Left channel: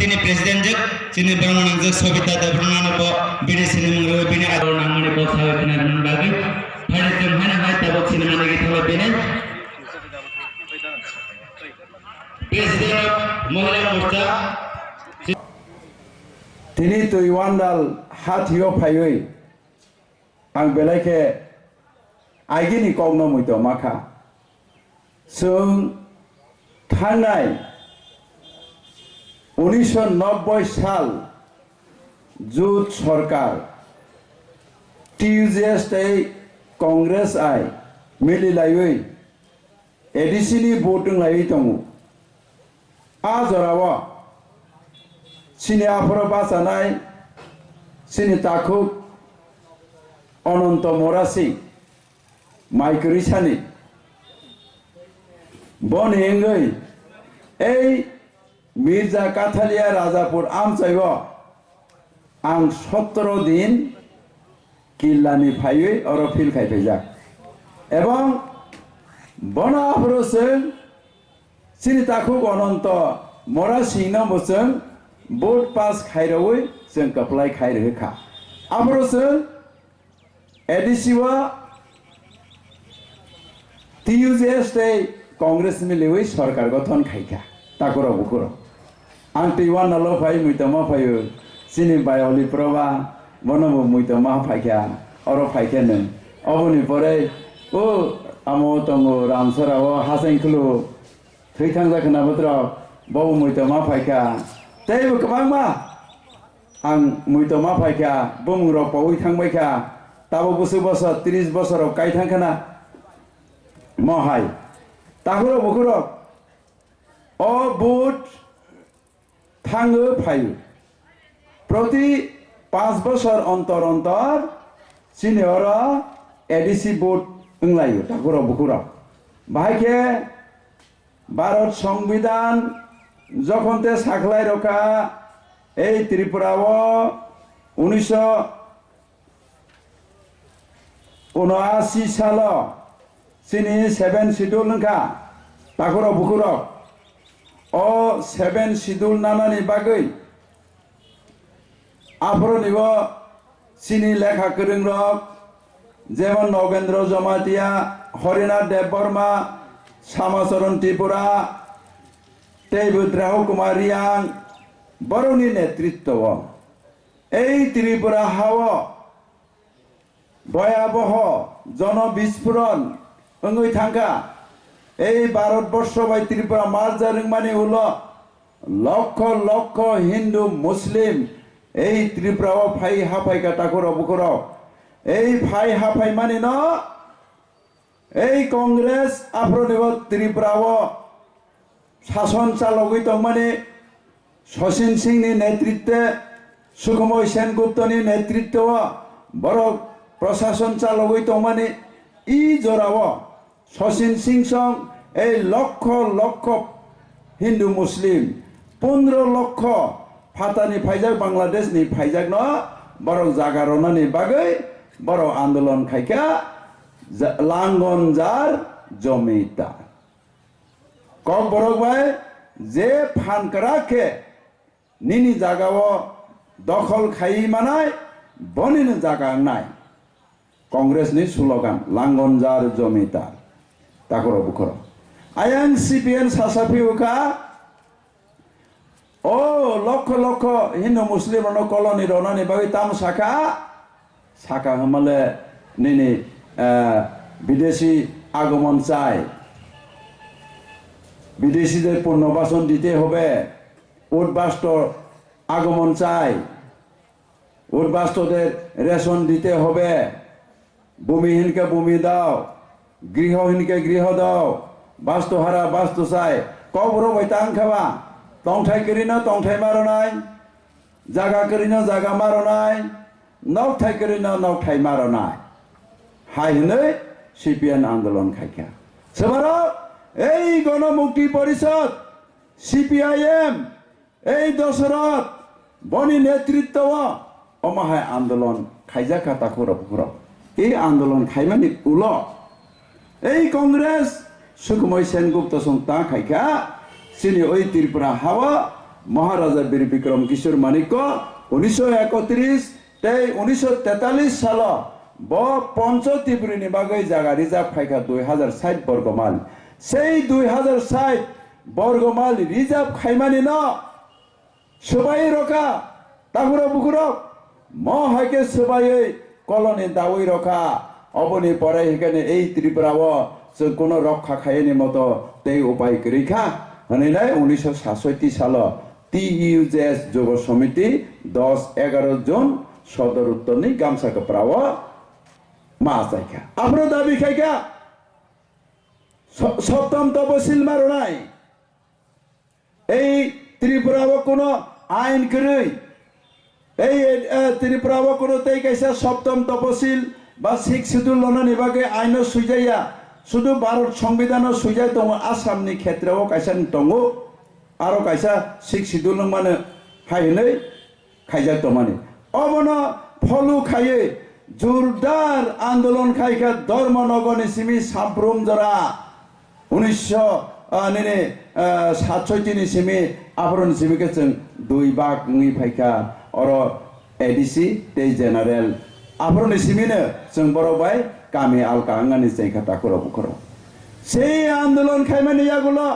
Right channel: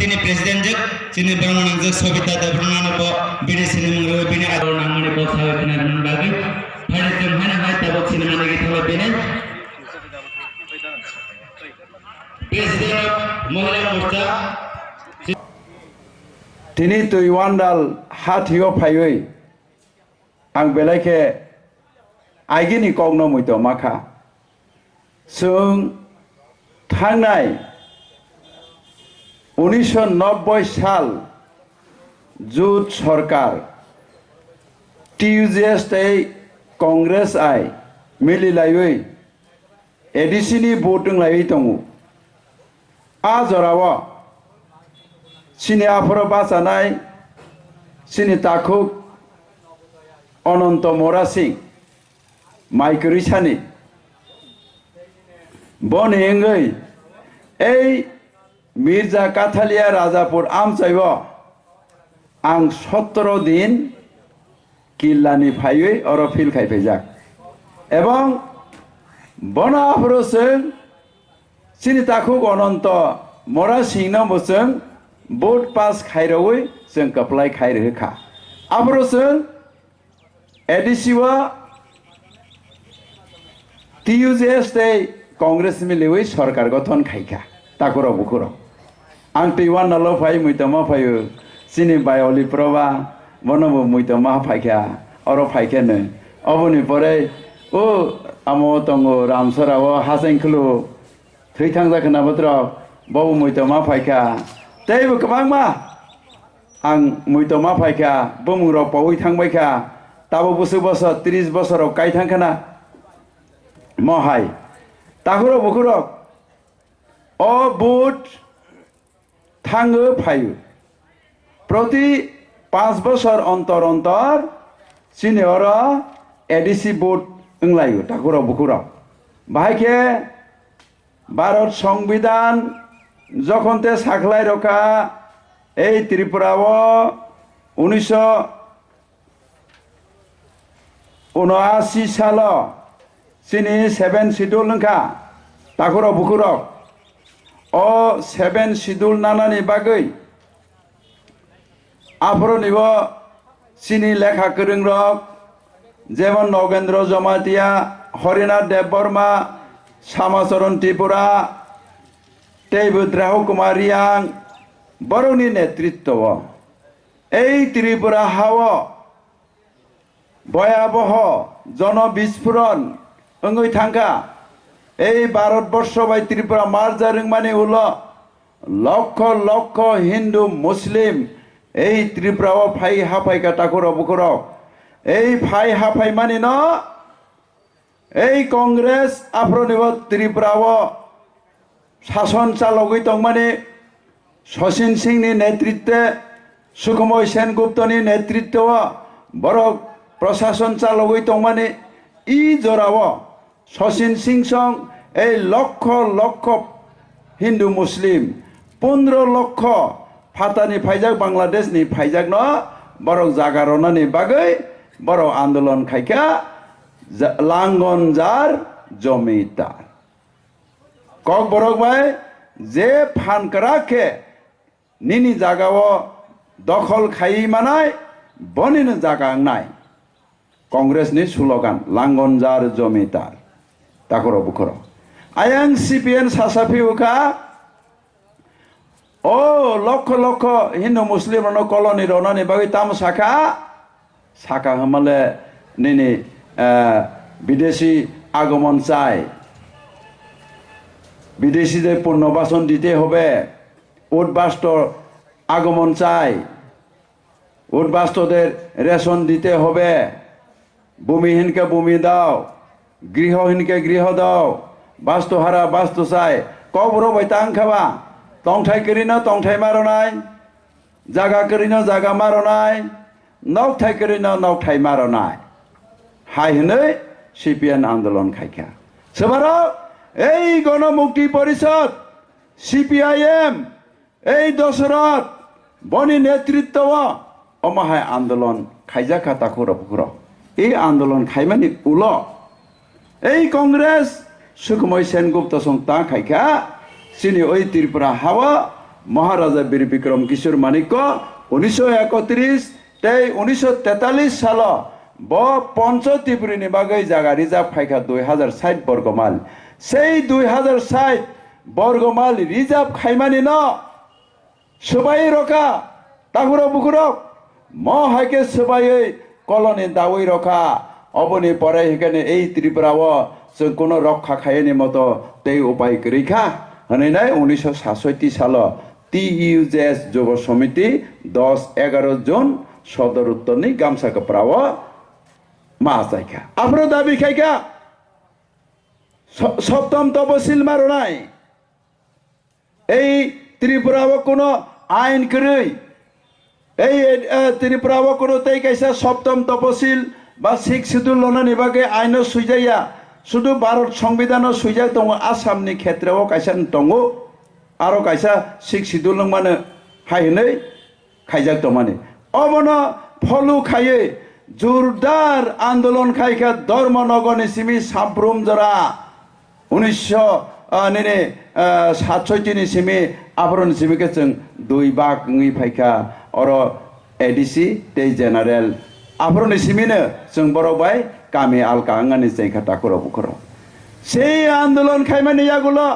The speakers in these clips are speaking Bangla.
তিনি president sini bangunan je sobita da bangunan bo bini sini mungro bini ado namane bo sawe kana nan bagi hane tem hane hai tabok sini mane gi thole bini president mohila morcha tini tuiwandal hathio phaioi ang belaike aigini kongno muito makha sung thangnai 1990 সাল জুট সরকার টিউজিএস কংগ্রেস আই মিলিলাই এডিসিনি ভোটিং লাই দङ আজরাव सिनि आफर बासानाय सिनि ताखुक अनंत मोरासी माइकरिसानि बनेंगै এই মির্জা কাথালিয়া রাজাপুর আমচাইব आं 17 दिन किल्लानि फायै अर फिल खाइफैजाक এবং বনাফরসং सिनि ताखुक अनंत मोरासिंनो बसं बोट पास खाइरवै जों कप्लाय खाइरहोखा आफरसं एडिसिवा টিউজিএস कांग्रेस मिलिवै सरकार गठन खाइखा ताकुरो बुकुरो आं टिवान नालो फाइ मुइतमा फायो सिनि बायली प्रबा बनबो मुइतमा फाइखा अरो फाइखेनो अबनि परे ओ आमो तंगो रामसराव हासेंखलु थैथां जाखना बत्र बाव मुइतमा फाइखा तैबो गोबांमा आं मुइतमा फाइखा बमुराव पावै थांबायखा ताबो बोसोर बोसोर 30 बोसोराव गायथांखाना महाय ताकुरो बुकुरो ओ बुट थांगो फायो प्रति 5 बोसोर अंतर अंतर सिनियर एडिसी बुट ओंलायो ताकुरो बुकुरो बाहायके भारत संविधान जखनते साखलाय रखा এই ত্রিপুরাও 1979 সাল सिनि 7 शिड्यूल नखा ताकुरो बुकुरो ओ 7 शिड्यूल नानानि बागै आफरनिबो सिनि लेखा गोरों रक जेमन नगेन्द्र जमातिया हरिनाथ देव बर्मा सामाचरण त्रिपुरा तेबुद्राह कुमारियां बरौनि नेतृत्व এই ত্রিপুরা हावा भयाबह जन विस्फोरण ओंगै थांखा এই भारतवर्ष बाय त्रिपुरा मार्जारिं माने उल लक्ष लक्ष हिंदू मुस्लिम এই ত্রিপুরাও फाइ हाफाइका ताकुरो बुकुरो এই फाइ हाफाइ माने न এই कांग्रेस आफरनिबो त्रिपुराও शासन चालगै दं माने शशीन सिंहनि नेतृत्व सुखमय सेनगुप्तनि नेतृत्व बर प्रशासन चालगै दं माने इ जराव शशीन सिंह सं ए लक्ष लक्ष हिंदू मुस्लिम 15 लक्ष फातानि फाइजाक बांग्लादेशनि फाइजाक न बर जागारनानि बागै बर आंदोलन खाइखा लांगन जार जमीदार कक बरक भाई जे फानकराखे निनी जागाव दखल खाई मानाय बनिनो जागा नाय कांग्रेसनि स्लोगान लांगनजार जमीदार ताकुरो बुकुरो आयां सीपीएन सासाफि उखा ओ लक्ष लक्ष हिंदू मुस्लिम रनो कॉलोनी रनानि बागै ताम साखा साखा हमले निनी विदेशी आगमन चाय विदेशीদের পুনর্বাসন দিতে হবে উদ্বাস্তর আগমন চাই উদ্বাস্তদের রেশন দিতে হবে ভূমিহীনকে ভূমি দাও গৃহহীনকে গৃহ দাও বাস্তুহারা বাস্তু চাই কবর বাইতাং খাবা তংথাই করিনো তংথাই মারনাই জায়গা করিনো জায়গা মারনাই নকথাই করিনো নকথাই মারনাই হাই হनै সিপিএন আন্দোলন খাইকা সেবারও এই গণমুক্তি পরিষদ সিপিআইএম এই দশরথ বনি নেতৃত্ব অমাহায় আন্দোলন খাইজাকা তাকুর এই আন্দোলন খাইমানি উল এই কংগ্রেস সুকুময় সেনগুপ্ত সংতা খাইকা চিনি ওই ত্রিপুরা হাওয়া মহারাজা বীর বিক্রম কিশোর মানিক্য 1931 তেই 1943 সাল ব পঞ্চ ত্রিপুরীনি বাগৈ জায়গা রিজার্ভ খাইকা 2060 বর্গমাইল সেই 2060 বর্গমাইল রিজার্ভ খাইমানি ন সবাই রকা তাগুর বুকুরক ম হাইকে সবাই কলনি দাওই রকা অবনি পরে এখানে এই ত্রিপুরাও जों কোনো রক্ষা খাইনি মতো তেই উপায় করিখা হনে নাই 1967 সাল TUJS যুব সমিতি 10-11 জন সদর উত্তরনি গামছা কাপড়াও মা চাইখা আপনার দাবি খাইকা সপ্তম তপশিল মারো নাই এই ত্রিপুরাও কোনো আইন করি এই ত্রিপুরাও কোনো তেই কাইসা সপ্তম তপশিল বা 6 শিডিউল লনানি বাকে আইন সুইজাইয়া শুধু ভারত সংবিধান সুইজাই দङ आसामनि ক্ষেত্রেও কাইসা দङ আরো কাইসা 6 শিডিউল মানে হাইनै খাইজাक दमाने অবন ফলু খাইয়ে জোরদার আন্দোলন খাইকা ধর্মনগরনি সিমি সাব্রুম জরা 1967 नि सिमी आफरन सिमिके जों 2 बाग ngै फाइका अर एडिसि ते जेनारेल आफरन सिमिनो जों बरबाय गामि आलका आंगानि जायगा ताकुर बुखर সেই আন্দোলন খাইমানি ইয়াগুলো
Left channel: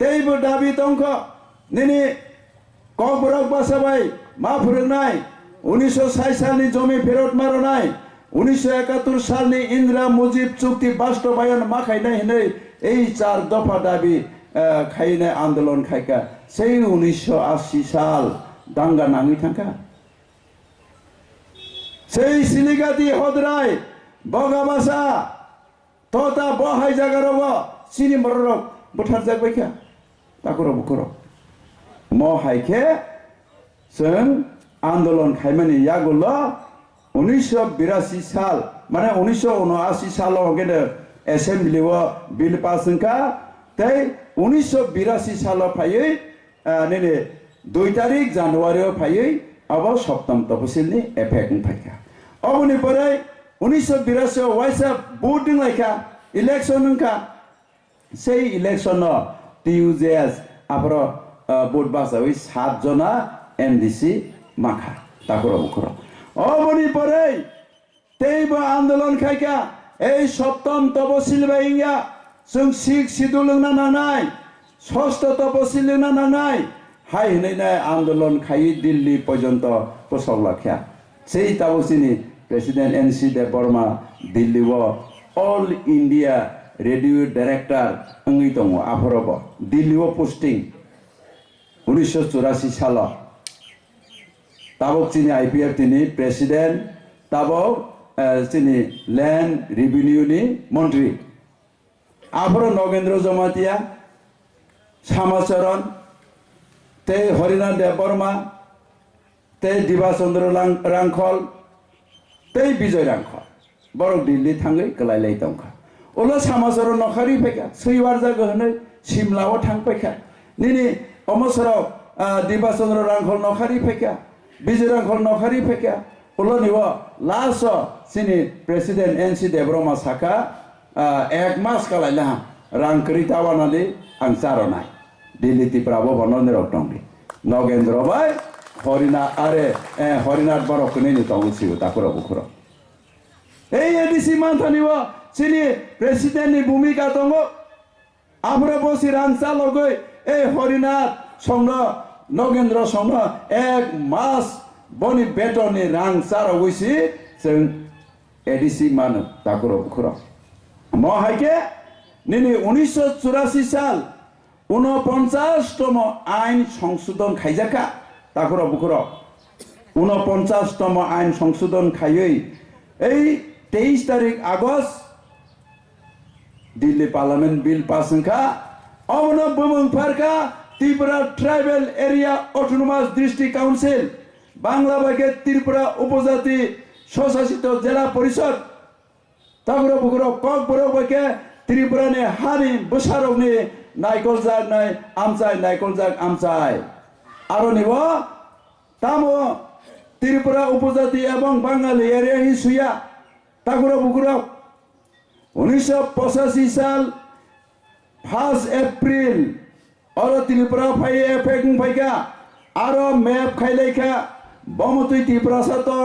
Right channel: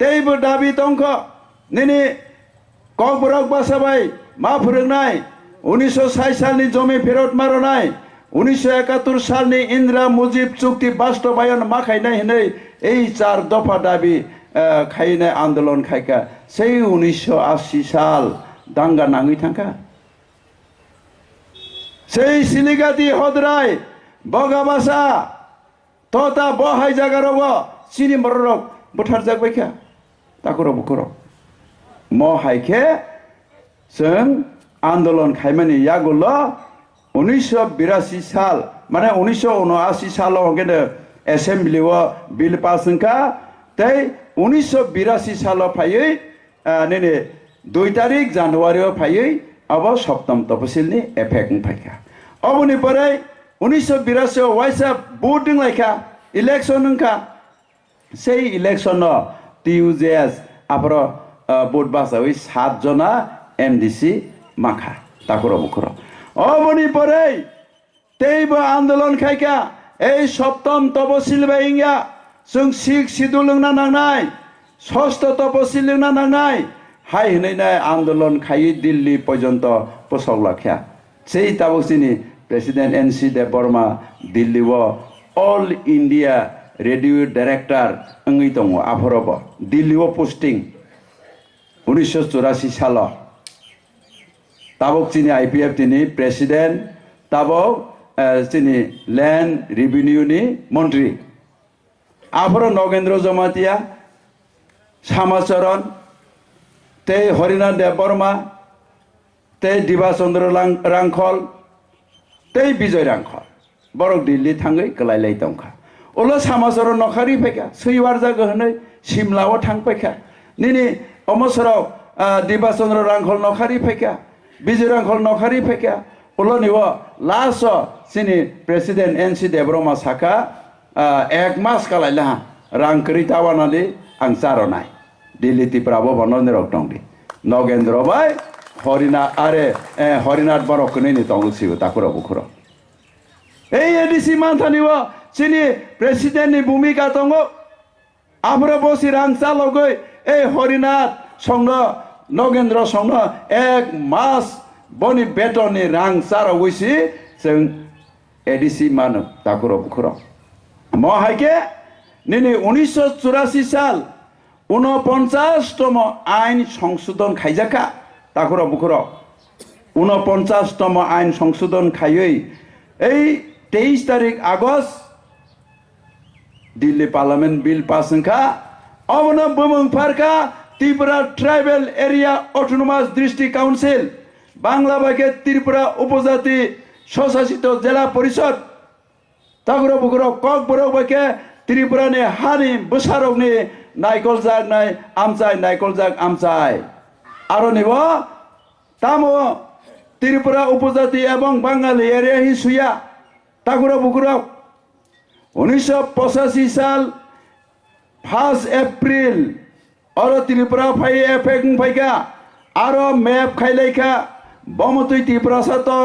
তেইবো দাবি তংখ নিনি ককবরক বাসাবাই মা ফুরংনাই 1960 সালনি জমি ফেরত মারনাই 1971 সালনি ইন্দিরা মুজিব চুক্তি বাস্তবায়ন মাখাইনাই হিनै এই 4 দফা দাবি খাইনে আন্দোলন খাইকা সেই 1980 সাল দাঙ্গা নাঙি থাকা সেই সিলিগাতি হদরাই বগাবাসা তথা বহাই জাগারব চিনি মররক বুঠার জাগবাইখা তাকুর বুকুর ম হাইखे जों आंदोलन खाइमानि यागुल 1982 साल माने 1979 साल गेदे एसेम्बली बिल पास होनका तै 1982 साल फायै नेने 2 तारिख जानुवारी फायै अब सप्तम तपसिलनि एफेक्ट फाइका अबनि परे 1982 वाइसा भोट दिंलाइका इलेक्शन होनका সেই इलेक्शन TUJS आपर भोट बासावै 7 जना MDC माखा ताकुर बुकुर अबनि परे तेइबो आंदोलन खाइका এই সপ্তম তপশিল বাইঙ্গা जों 6 শিডিউল লংনা নাংনাই ষষ্ঠ তপশিল লংনা নাংনাই হাই হইনাই আন্দোলন খাই দিল্লি পর্যন্ত পোষক লাখিয়া সেই তাবসিনি president NC Deb Barma Delhi all India radio director अंगै दङ आफरब दिल्ली पोस्टिं 1984 साल ताबक चिनी IPF तिनी प्रेसिडेंट ताबक चिनी लैंड रेवेन्यू नि मंत्री आफर नगेंद्र जमातिया श्यामाचरण ते हरिनाथ देव बर्मा ते दिबाचंद्र रांखल ते विजय रांखल बरक दिल्ली थांगै गलायलाय दंखा ओला श्यामाचरण नखारि फैका सैवार जागो हनै सिमलाव थांफैखा निनि अमसराव दिबाचंद्र रांखल नखारि फैका विजय रांखल नखारि फैका ओला निव लास्ट सिनि प्रेसिडेंट NC देबरमा साका 1 मास कालायला रांकरि तावानाले आं चारनाय दिल्ली तिप्राबो बनने रक्तंदि नगेंद्र बाय हरिना आरे हरिनाथ बरकनि नि तंगसिबो ताकुर बुखुर এই एडिसि मानथानिव चिनी प्रेसिडेंट नि भूमिका दङ आफर बसि रांचा लगै ए हरिनाथ संग नगेंद्र संग 1 मास बनि बेतननि रां चारवैसि जों एडिसि मानो ताकुर बुखुर म हाइके निनि 1984 साल 49तम आइन संशोधन खाइजाका ताकुर बुखुर 49तम आइन संशोधन खायै এই 23 तारिख August Delhi parliament bill pass होनका अबन बुमंफारका Tripura tribal area autonomous district council Bangla बाके त्रिपुरा उपजाति स्वशासित जिला परिषद তাগুলো বুগুলো কক বড় বাইকে ত্রিপুরানি হানি বসারকনি নাইকল জাগ নাই আমচাই নাইকল জাগ আমচাই আরো নিব তামো ত্রিপুরা উপজাতি এবং বাঙালি এরিয়া হিসুয়া তাগুলো বুগুলো 1985 সাল 1 এপ্রিল और त्रिपुरा फाइ एफेक्ट फाइका आरो मैप खाइलाइखा बमतुई त्रिपुरा सातों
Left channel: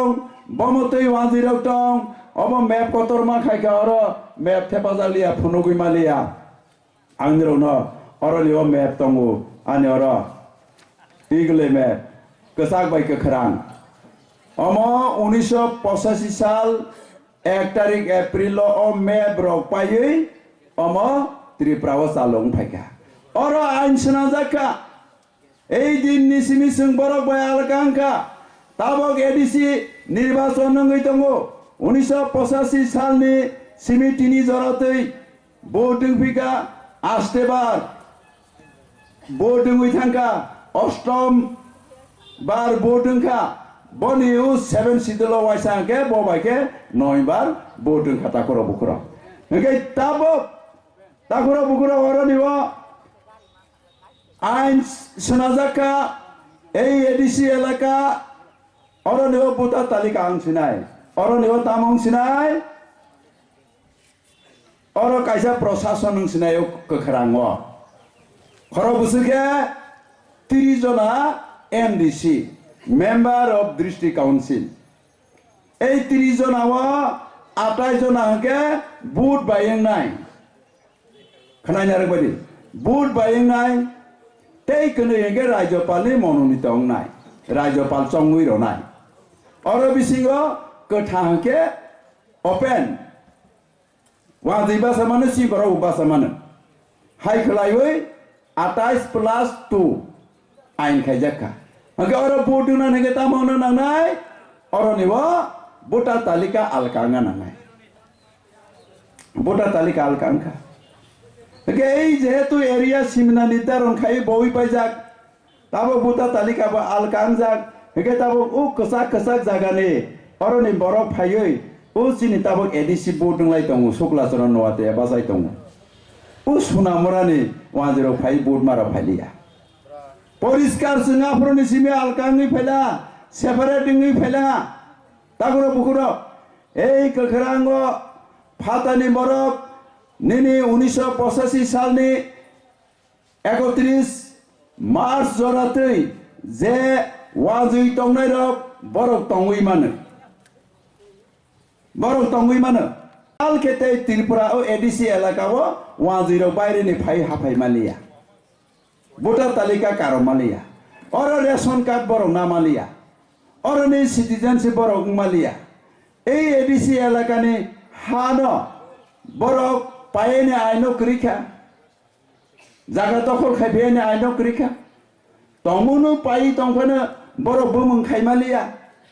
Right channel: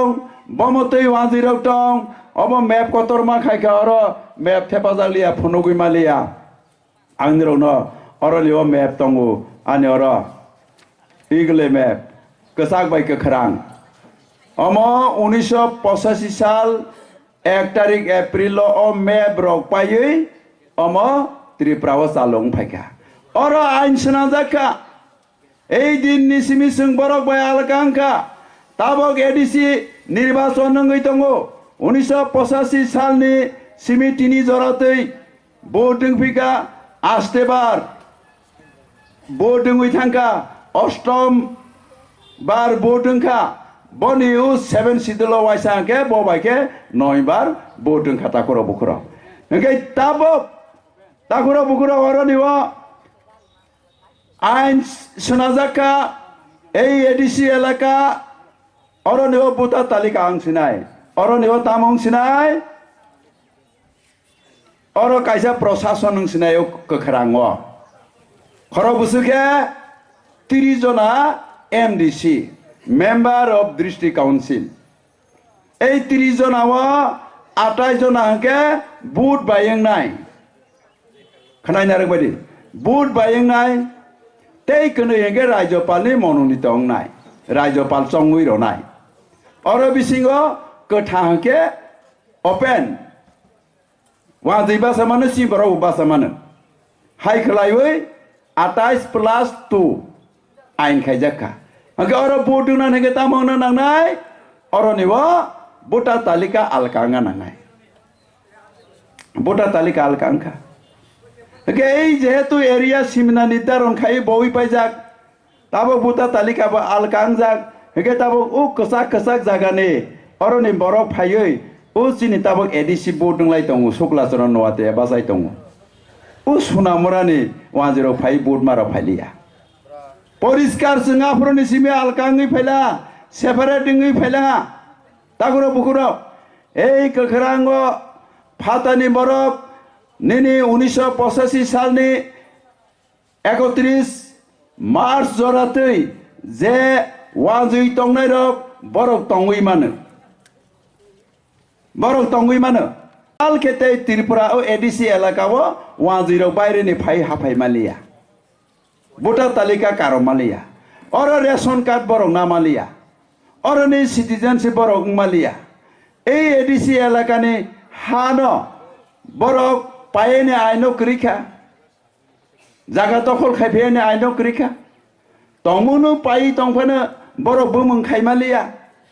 बमतुई वाजिरक टों अब मैप कतरमा खाइखा और मैप थेपाजालिया फुनुगुई मालिया आंगिरो न और लियो मैप तंगु आने और इगले मैप कसाक बाइक खरांग अम 1985 साल 1 तारिख एप्रिल ओ मैप रक पायै अम त्रिपुरा चालुं फाइका और आइन सनाजाका এই দিন নিসিমি সিং বরক বাই আলকাঙ্কা তাবক এডিসি নির্বাচন নঙ্গই দङ 1985 সালনি সিমি তিনি জরাতৈ ভোটিং ফিকা আস্তেবার ভোটিং থাঙ্কা অষ্টম বার ভোटिंखा बनिउ 7 सिदुल वाइसांके बबाइके 9 বার भोटिं खाता कर बुखरा नगे ताबक ताकुरा बुखरा वरनिवा आइन सनाजाका এই এডিসি এলাকা অরনিও বুতা তালিকা আংছিনাই অরনিও তামং সিনাই অর কাইসা প্রশাসন সিনাই কখরাং খর বুসুকে 30 জনা MDC member of district council এই 30 জনাও 28 জনাকে বুট বাইং নাই খনাই নারক বাদি বুট বাইং নাই तेई कने येगे राज्यपालनि मनोनीत अंगनाय राज्यपाल चंगुई रनाय और बिसिंगो कथांके ओपेन वा दैबा समानो सिबरा उबा समानो हाय खलायवै 28+2 आइन खायजाका अंके और बोटुना नेगे तामनो नांनाय और निवा बोटा तालिका अलकांगा नांनाय बोटा तालिका अलकांगा এই যেহেতু এরিয়া সীমানা নির্ধারণ খাই বই পাই যাক তাবো বুতা তালিকা বা আলকাং যাক হেকে তাবো ও কসাক কসাক জাগানে অরনি বরফ ফাইयै ও চিনি তাবো এডিসি বোর্ড দংলাই দङ শুক্লাচরণ নওয়াতে বাজাই দङ ও সোনামরানি 105 বোর্ড মারা ফাইলিয়া পরিষ্কার সিঙ্গাপুরনি সিমে আলকাংই ফাইলা সেপারেটিংই ফাইলা তাগুরো বুকুরো এই কখরাঙ্গ ফাতানি বরফ নিনি 1985 সালনি 31 মার্চ জরাতৈ যে ওয়াজুই তংনাই রক বরক তংগুই মানো বরক তংগুই মানো আল খেতে ত্রিপুরা ও এডিসি এলাকাও ওয়াজুই রক বাইরেনি ফাই হাফাই মালিয়া ভোটার তালিকা কারো মালিয়া और রেশন কার্ড বরক না মালিয়া और নি সিটিজেনশিপ বরক মালিয়া এই এডিসি এলাকানি হানো বরক পায়েনে আইনো করিখা জায়গা দখল খাইফেনে আইনো করিখা তমুনো পাই তংফানো বড় বুমুং খাইমালিয়া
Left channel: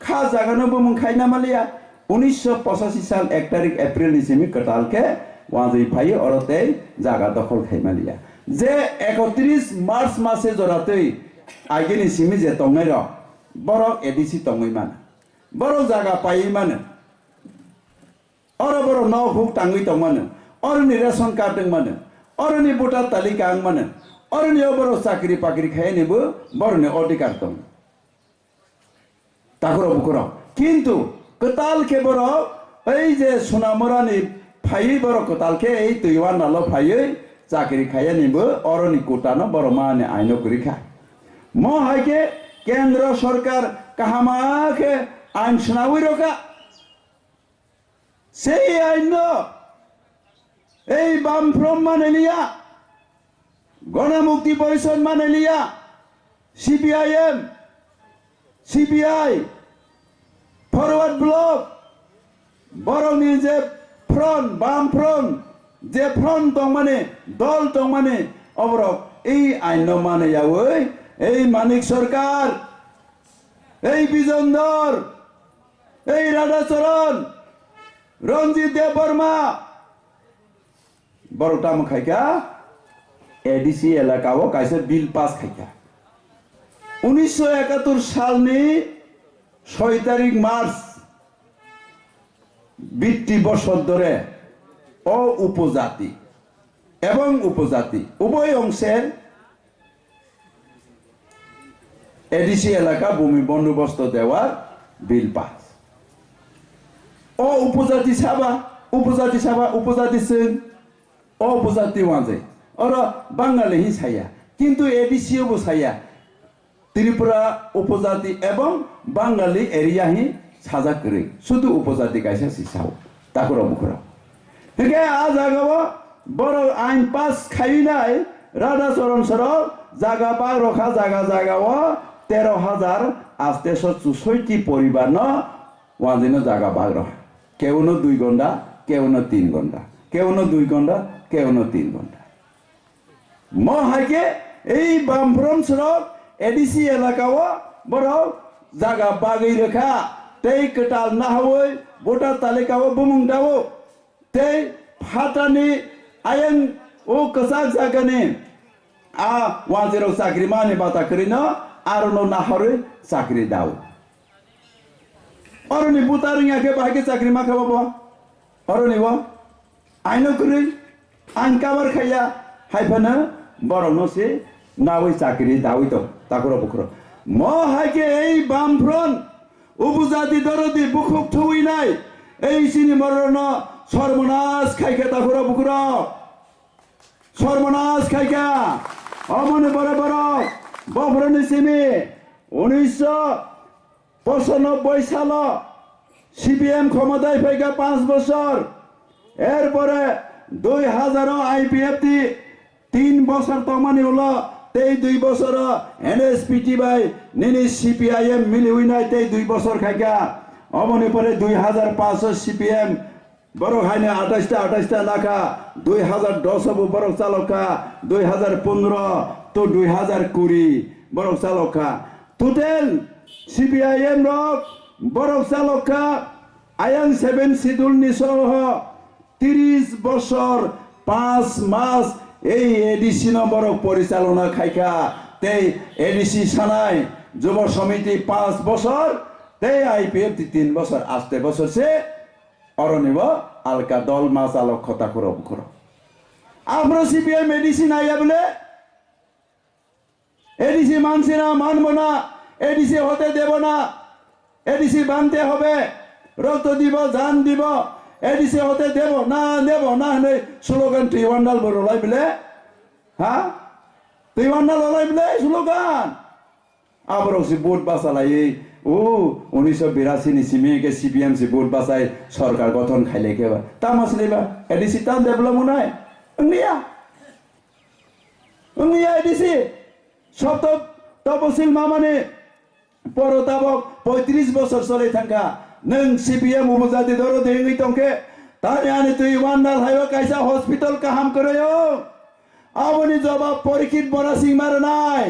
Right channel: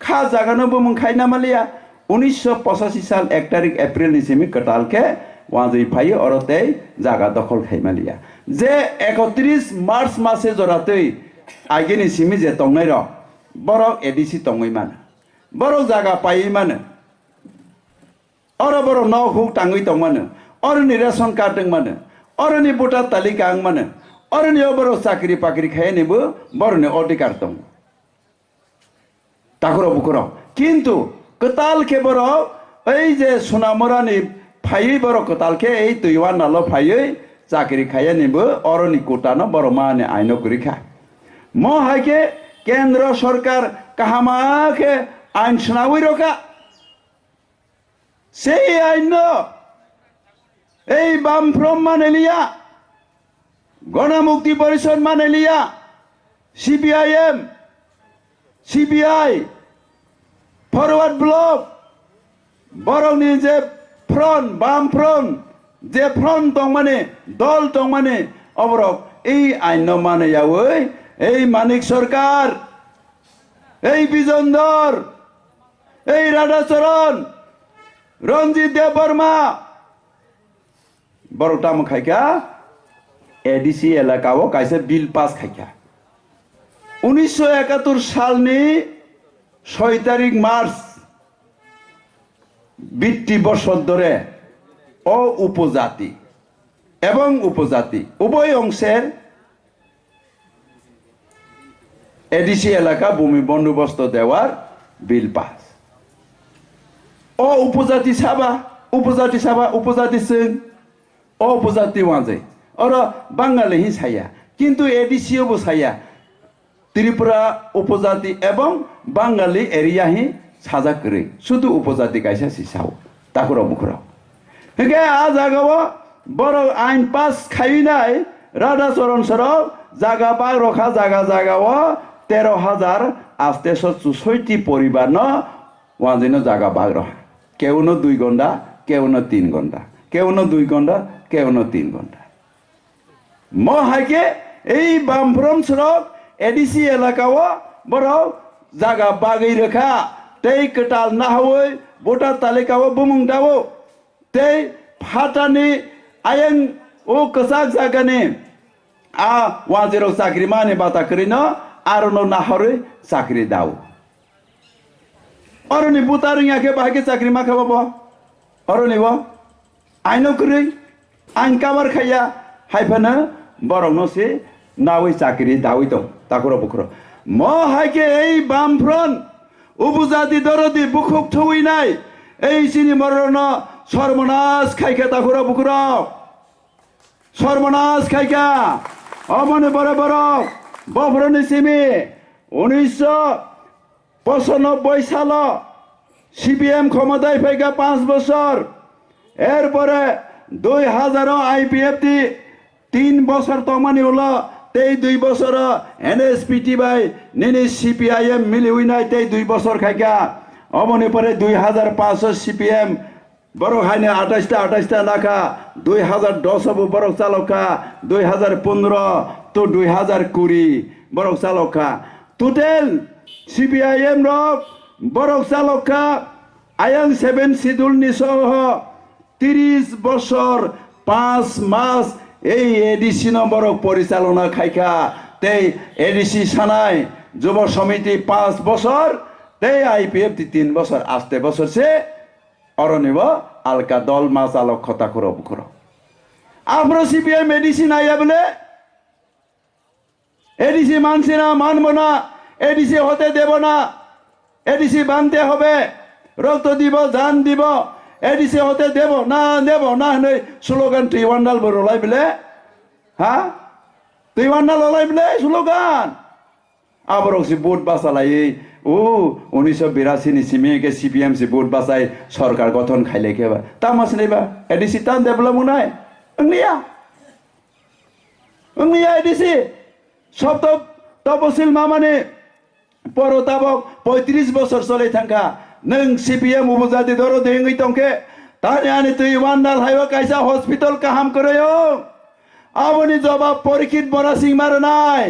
খা জাগানো বুমুং খাইনা মালিয়া 1985 সাল 1 তারিখ এপ্রিল নিসিমি কটালকে ওয়াজই ফাই অরতে জায়গা দখল খাইমালিয়া যে 31 মার্চ মাসে জরাতৈ আগে নিসিমি যে তংনাই র বড় এডিসি তংই মান বড় জায়গা পাই মান और बरो नौ हुक टांगै दं मानो और नि रेशन कार्ड दं मानो और नि भोटार तालिका आं मानो और नि बरो चाकरी पाकरी खायनिबो बरो नि अधिकार दं ताकुरो बुकुरो किन्तु कताल के बरो এই যে সোনামরানি ফাই বড় কতালকে এই তৈওয়ান নালো ফাইयै চাকরি খাইয়া নিব অরনি কোটানো বড় মানে আইনো করিখা ম হাইকে কেন্দ্র সরকার কাহামাকে আইন শোনাওই রকা সেই আইন এই বামফ্রম মানে লিয়া গণমুক্তি পরিষদ মানে লিয়া সিপিআইএম সিপিআই ফরওয়ার্ড ব্লক বরংনি যে ফ্রন্ট বামফ্রন্ট যে ফ্রন্ট দं মানে দল দं মানে অবরক এই আইন মানে যাওই এই মানিক সরকার এই বিজনধর এই রাধাচরণ রঞ্জিত দেব বর্মা বড়টাম খাইকা এডিসি এলাকাও কাইসে বিল পাস খাইকা 1971 সালনি 6 তারিখ মার্চ 20 বছর ধরে ও উপজাতি এবং উপজাতি উভয় অংশের এডিসি এলাকা ভূমি বন্দোবস্ত দেওয়ার বিল পাস ও উপজাতি সাবা উপজাতি সিং ও উপজাতি ওয়াজে ওরা বাঙালি হি ছায়া কিন্তু এডিসিও বসাইয়া ত্রিপুরা উপজাতি এবং বাঙালি এরিয়া হি সাজা করে শুধু উপজাতি কাইসা সিসাও তাকুরা মুখরাও হেগে আ জাগাও বড় আইন পাস খাইনাই রাধা চরণ সরব জাগা পা রখা জাগাও 13,000 আস্তে 64 পরিবার ন ওয়াজিনো জাগা বাগ রহা কেউ ন 2 ঘন্টা কেউ ন 3 ঘন্টা কেউ ন 2 ঘন্টা কেউ ন 3 ঘন্টা ম হাইকে এই বামফ্রম সরব এডিসি এলাকাও বড় জাগা বাগৈ রেখা তেই কটাল না হই ভোটার তালিকাও বুমুং দাও তেই ফাটানি আয়ং ও কসাক জাগানে আ ওয়াজের চাকরি মানে বাতা করি না আর না হরে চাকরি দাও অরনি বুতারিয়াকে বাহাকে চাকরি মা খাবো অরনিব আইন করি আইন কাবার খাইয়া হাইফানা বরং নসে নাওই চাকরি দাওই দম তাকুর বুকুর ম হাইকে এই বামফ্রন্ট উপজাতি দরদি বুকুক থুই নাই এই সিনি মরণ সর্বনাশ খাইকে তাকুর বুকুর সর্বনাশ খাইকা অমনে বড় বড় বফরনি সিমি 1995 সাল সিপিএম ক্ষমতায় ফাইকা 5 বছর এরপরে 2000 আইপিএফটি 3 বছর তমানি হলো তেই 2 বছর এনএসপিটি বাই নিনি সিপিআইএম মিলি উইনাই তেই 2 বছর খাইকা অমনি পরে 2500 সিপিএম বড় হাইনে 28টা লাখা 2010 হব বড় চালকা 2015 তো 2020 বড় চালকা টোটাল সিপিআইএম রক বড় চালকা আয়াং 7 শিডিউল নিসহ 30 বছর 5 মাস এই এডিসি নম্বর পরিচালনা খাইকা তেই এডিসি সানাই যুব সমিতি 5 বছর তেই আইপিএফ 3 বছর আস্তে বছর সে অরনিব আলকা দল মাছ আলোক কথা করো আমরা সিপিএম এডিসি নাইয়া বলে এডিসি মানছি না মানব না এডিসি হতে দেব না এডিসি বানতে হবে রক্ত দিব জান দিব এডিসি হতে দেব না স্লোগান তুই ওয়ান্ডাল বলাই বলে হ্যাঁ তুই ওয়ান্ডাল ওলাই বলে স্লোগান আবার ভোট বাঁচালাই ও 1982 নি সিমিকে সিপিএম সে ভোট বাঁচাই সরকার গঠন খাইলে কেবা তামাস নেবা এডিসি তান ডেভেলপ নাই অংনিয়া এডিসি সব তপসিল মামানে পরতাবক 35 বছর চলে থাকা নং সিপিএম উপজাতি ধরো দেঙ্গি তংকে তানে আনি তুই ওয়ান্ডাল হাইওয়া কাইসা হসপিটাল কাহাম করে আপনি জবাব পরীক্ষিত বড়া সিং মার নাই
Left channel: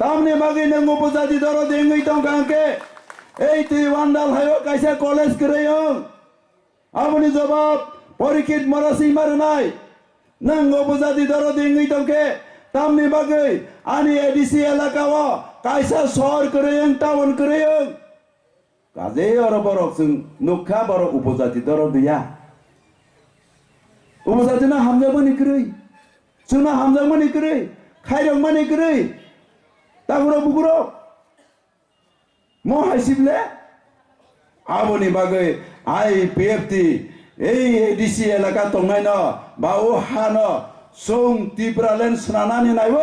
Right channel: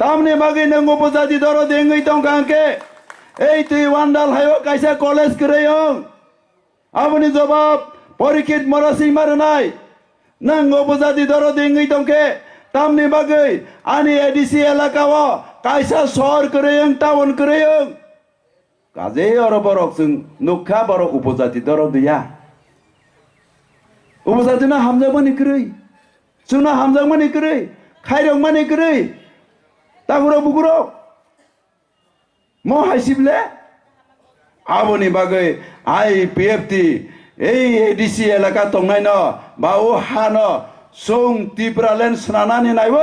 তামনে বাগে নং উপজাতি ধরো দেঙ্গি তংকাকে এই তুই ওয়ান্ডাল হাইওয়া কাইসা কলেজ করে আপনি জবাব পরীক্ষিত মরা সিং মার নাই নং উপজাতি ধরো দেঙ্গি তংকে তামনে বাগে আনি এডিসি এলাকাও কাইসা শহর করে টাউন করে কাজে অরব রকসং নুখা বড় উপজাতি দর দিয়া উপজাতি না হামজা মানি করে সুনা হামজা মানি করে খাইরং মানি করে তাগুরো বুগুরো ম হাইসিবলে আবনি বাগে আইপিএফটি এই এডিসি এলাকা তংনাই ন বা ও হান সং ত্রিপুরালেন স্নানানি নাইব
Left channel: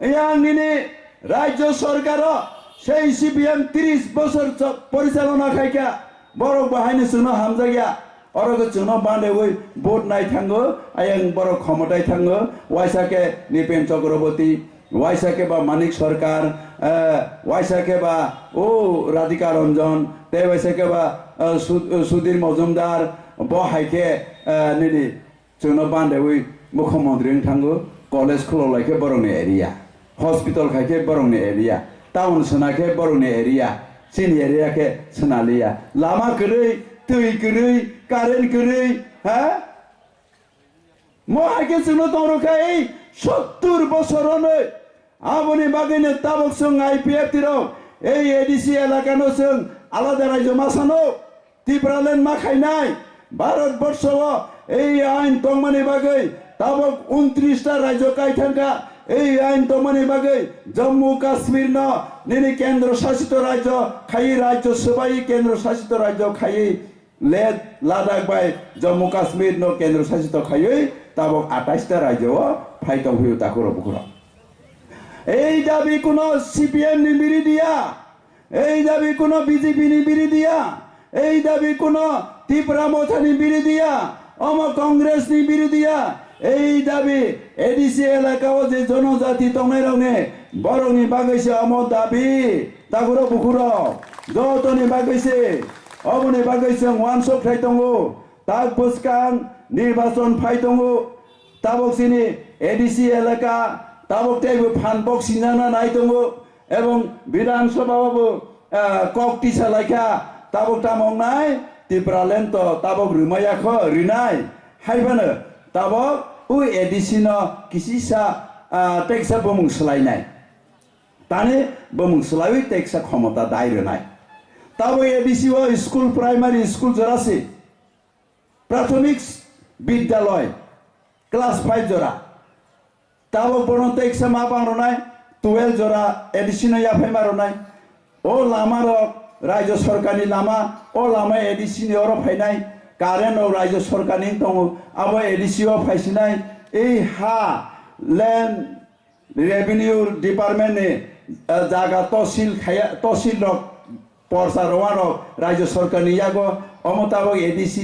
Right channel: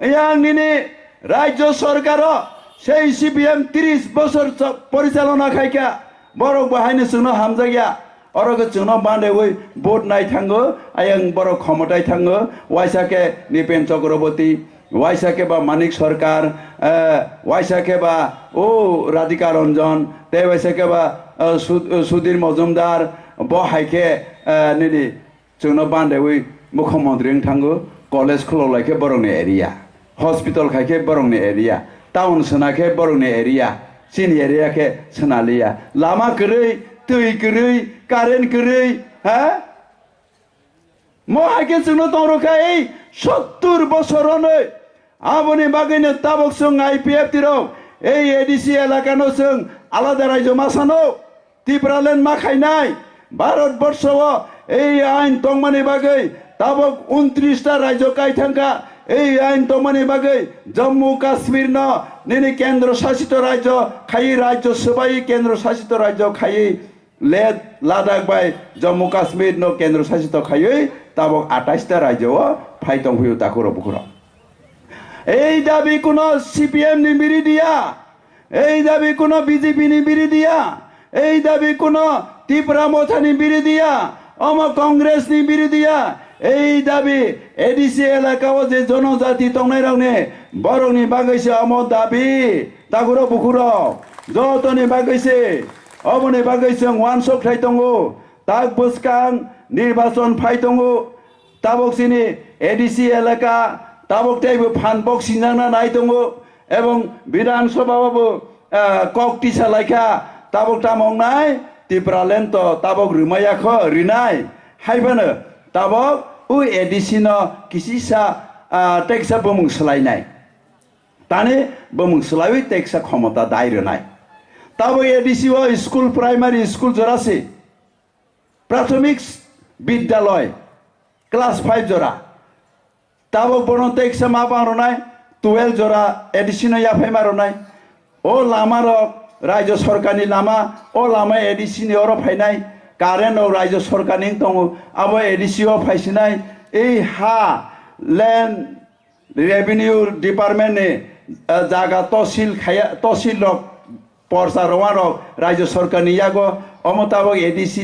ইয়াংনি রাজ্য সরকার সেই সিপিএম 30 বছর পরিচালনা খাইকা বড় বাহাইনে চুনো হামজা গিয়া অরগে চুনো বান্ধে ওই ভোট নাই থাঙ্গো আয়াং বড় ক্ষমতায় থাঙ্গো ওয়াইসাকে নিপেন চক্রবর্তী ওয়াইসাকে বা মানিক সরকার ওয়াইসাকে বা ও রাধিকা রঞ্জন তে ওয়াইসাকে বা সুধীর মজুমদার বহাইকে নিনি চুনো বান্ধে ওই মুখ্যমন্ত্রী থাঙ্গো কলেজ খুলাইকে বরংনি এরিয়া हॉस्पिटल खाके बरंगने एरिया टाउन सनाके बरंगने एरिया सिनी एरिया के सनालिया लामा करे तुई करे कारेन्ट करे हाँ मोहाके जोंनो तंरखा 70 বছর ने आबनि बागैनो ताबक जों आईपीएफ तिरो एडिसि एलाकानो जों आलादा राज्य मासानो त्रिपुरालेण्ड मा खायनाय भारतबर्षआव এই আইন তংমানি বাগৈ তাবক 29টা রাজ্য কাইথাঙ্কা এই আইন তংমানি বাগৈ জম্মু কাশ্মীর ন নিনি কেন্দ্র শাসিত রাজ্য খাই রাজ্য সবাই কেন্দ্র শাসিত রাজ্য খাই লেদ লাদাখ বাই জম্মু কাশ্মীর ন কেন্দ্র শাসিত খাই তাবক 28টা রাজ্য ফাইতং হইও তাকুর বুকুর এই দাবি কোন সিপিএম নি বিরোধিয়া এই দাবি কোন বিজেপি নি বিরোধিয়া এই দাবি কোন ত্রিপুরা মথানি বিরোধিয়া অম কংগ্রেস নি বিরোধিয়া এই দাবি এডিসি এলাকাও যে জনজাতি তংনাই রাवने বরংনি বাগৈছে অম দাবি তাগুর বুকুর যতনি বাগৈছে অমনি বাগৈছে ওয়ানসক থাই দङो তাক বসকাং নির্বাচন ফাই দङो তাবক সিনি এডিসি এলাকা তাবক টাইবো ফানবক সিনজাना নাই दङो এবং বিধানসভাবাবো ককটি সালাইখা তাবক তামংনাই ত্রিপুরালেন তো তাবক রুমায়াখ রিনাই হাইবানো তাবক उ एडिसिन किसिसा टेक्सा बमुं सोलायनाय ताने बमुं सोलायि टेक्सा क्षमता दायरनाय ताबो एडिसिओ स्कुल प्राइमारी स्कुल जरासे प्राथमिक विद्यालय क्लास 5 जरा ताबो बनो टेक्सा मा बारनाय 12 जरा एडिसिनो याफाय मारनाय ओ लामार राज्य सरकारनि लामा ओ लामा एडिसिनि अर फायनाय কারেন্ট ও রাজ্য সরকার নিং দङ আবো এডিসিও ফাইसिनाय এই হা ল্যান্ড রেভিনিউ ডিপার্টমেন্ট নে জায়গা তহসিল রক পরসা রওয়া রক রাজ্য সরকার নিয়াগো অমতাবক এডিসি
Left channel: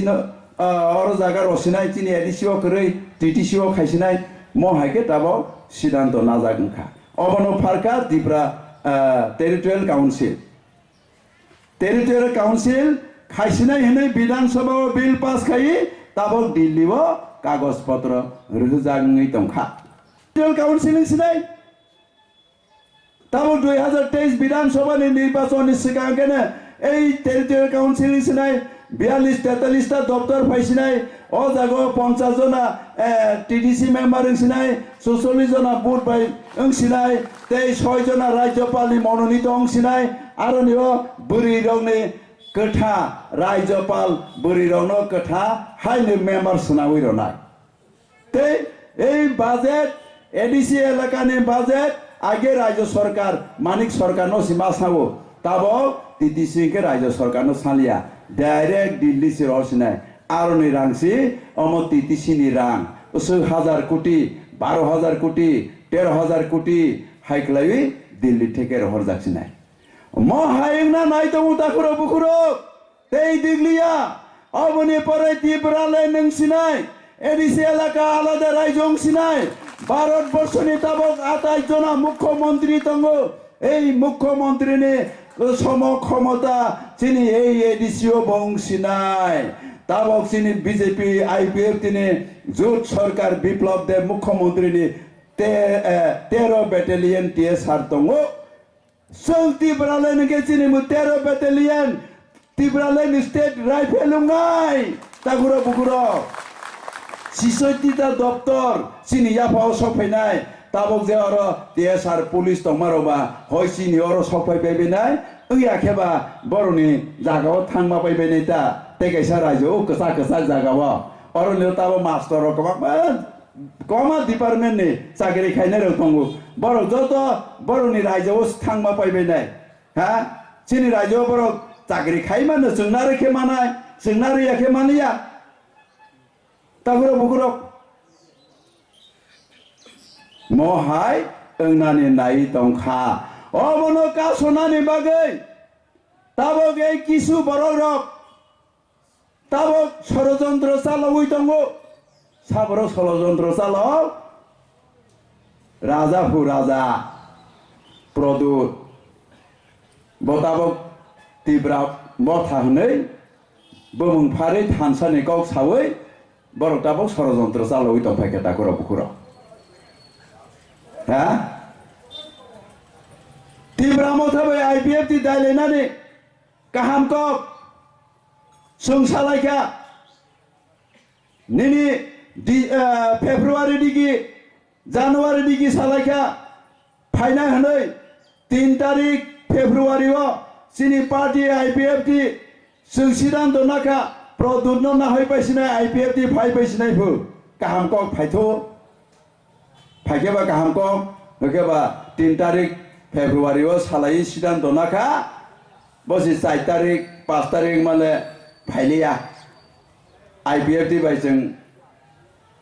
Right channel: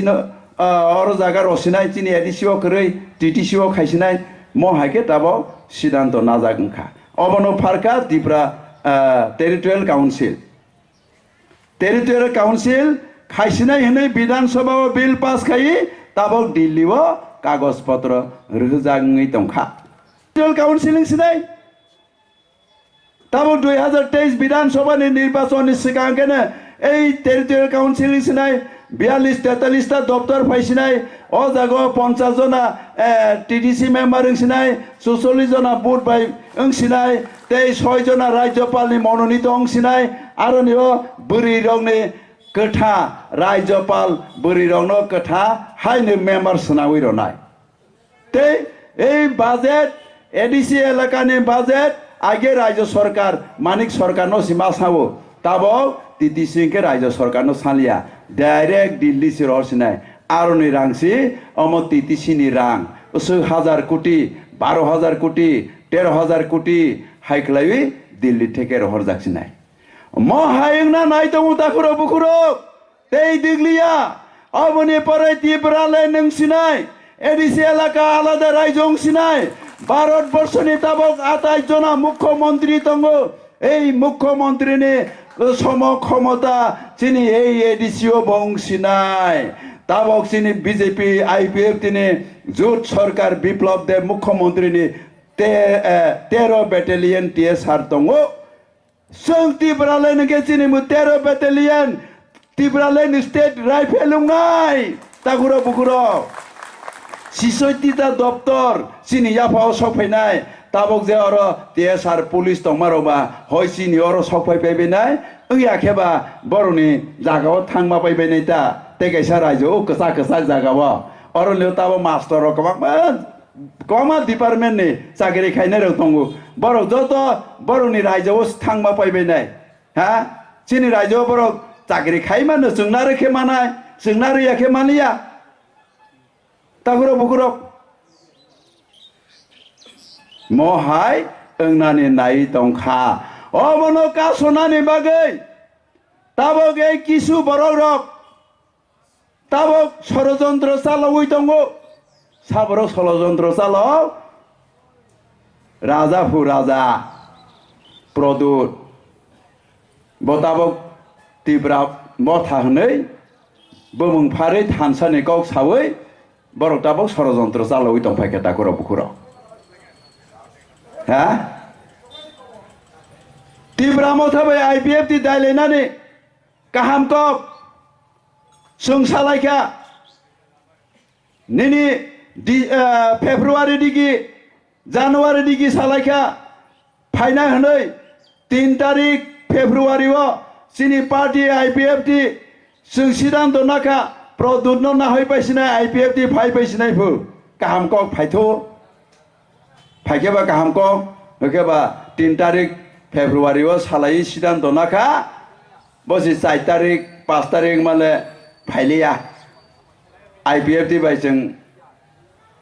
অর জায়গা রসিনাই চিনি এডিসিও কरै টিটিসিও খাইसिनाय মহাকে তাবো সিদ্ধান্ত না জাগংখা অবনো ফারকা ত্রিপুরা টেরিটরিয়াল কাউন্সিল खाइसिनाय हनै विधानसभा बिल पास खाई ताबक दिल्लीव कागज पत्र रुजाङै दंखा टेरिटरियाल काउन्सिलिं सिनाय ताबक 2023 विधानसभा निर्वाचन सिगांगेने এই টেরিটরিয়াল কাউন্সিলিং सिनाय 42-43টা দপ্তর ফাইसिनाय অ জাগো 50 জনা টিডিসি মেম্বার সিনাय 44 জনা বুথ বাই সিনাय 6 জনা রাজ্যপালনি মনোনীত সিনাय আরো নিও বুরি রংনি कथा राज्यपाल बुरी रंगनो कथा हाइने मेम्बर सुनावी रनाय ते এই বাজেট এডিসি এলাকাनि বাজেट आगे राज्य सरकार मानिक सरकार नो सीमा सावो ताबो टीटीसी के राज्य सरकार नो सालिया डायरेक्ट दिल्ली से रसिनाय आरनि रांसि अम टीटीसी नि रां 10,000 कोटी 12,000 कोटी 13,000 कोटी हाइक्लायि दिल्ली থেকে रहर जासिनाय মহায়ংনা নাই তো মুতাকুরো বুকুরো তেই দিগলিয়া অবনি পরে ত্রিপুরালে নংসিনাই এডিসি এলাকা আলাদা রাজ্য অংসিনাই ভারতবর্ষনি তাবক 28 জনা মুখ্যমন্ত্রী দङ এই মুখ্যমন্ত্রী নে সম ক্ষমতা চিনি এই এডিসিও বংসিনাই তাবক চিনি বিজেপি আইপিএফ তিনে জোট সরকার বিপ্লব দেব মুখ্যমন্ত্রী নি 13 ব্যাটালিয়ন টিএসআর দङ Sung Tibralen ke sini mutero battalion Tibralen state rifle ngai takuro bukuro sisoitita doptor sini yapao sokpainai tabok je oro TSR police tongmaroba hoi sini oro sokpai paibenai ui akheba boroni jagao thangma paibenai ta tegaisa raijo kasa jagao oro leo tabo master rokabak कमा डिपार्टमेंट ने चाकरी खाइने रं दङो बरक जत बरनि राज्योआव थांमा पाइबायनाय हा चिनि राज्योआव बरक चाकरी खाइमानो जोंना रेखे मानाय जोंना रियाखे मानिया तागुरो बुकुरो महाय ओंनानि नाय दंखा अमनो कासनानि बागै ताबक ए किसु बरक रक ताबक षड़यंत्र चालावै दङो साबरो षड़यंत्र चालाव राजा फु राजा प्रदूत बताबक तीव्रा बथा हनै बमुंफारै थानसानि गाव सावै बरकताबक षड़यंत्र चालावै दंफायखे ताकुरो बुकुरो हा तीव्रा मथाबै आईपीएफ ति दायलायनानै काहामकक सोंसालायखा निनि फेब्रुवारी दिगी जानुवारी दिगी सालायखा फाइना हनै 3 तारिख फेब्रुवारी चिनी पार्टी आईपीएफ टी सिदांत नाखा प्रदुत न नाहै पाइसिनाय IPF ती फाइ पाइसिनाय फो गाहाम कक फाइथो फाइकेबा गाहाम कक होकेबा 3 तारिख फेब्रुवारी ओ सालाय सिदान दनाखा बसि 4 तारिख 5 तारिख माले फाइलिया IPF ती बाइजों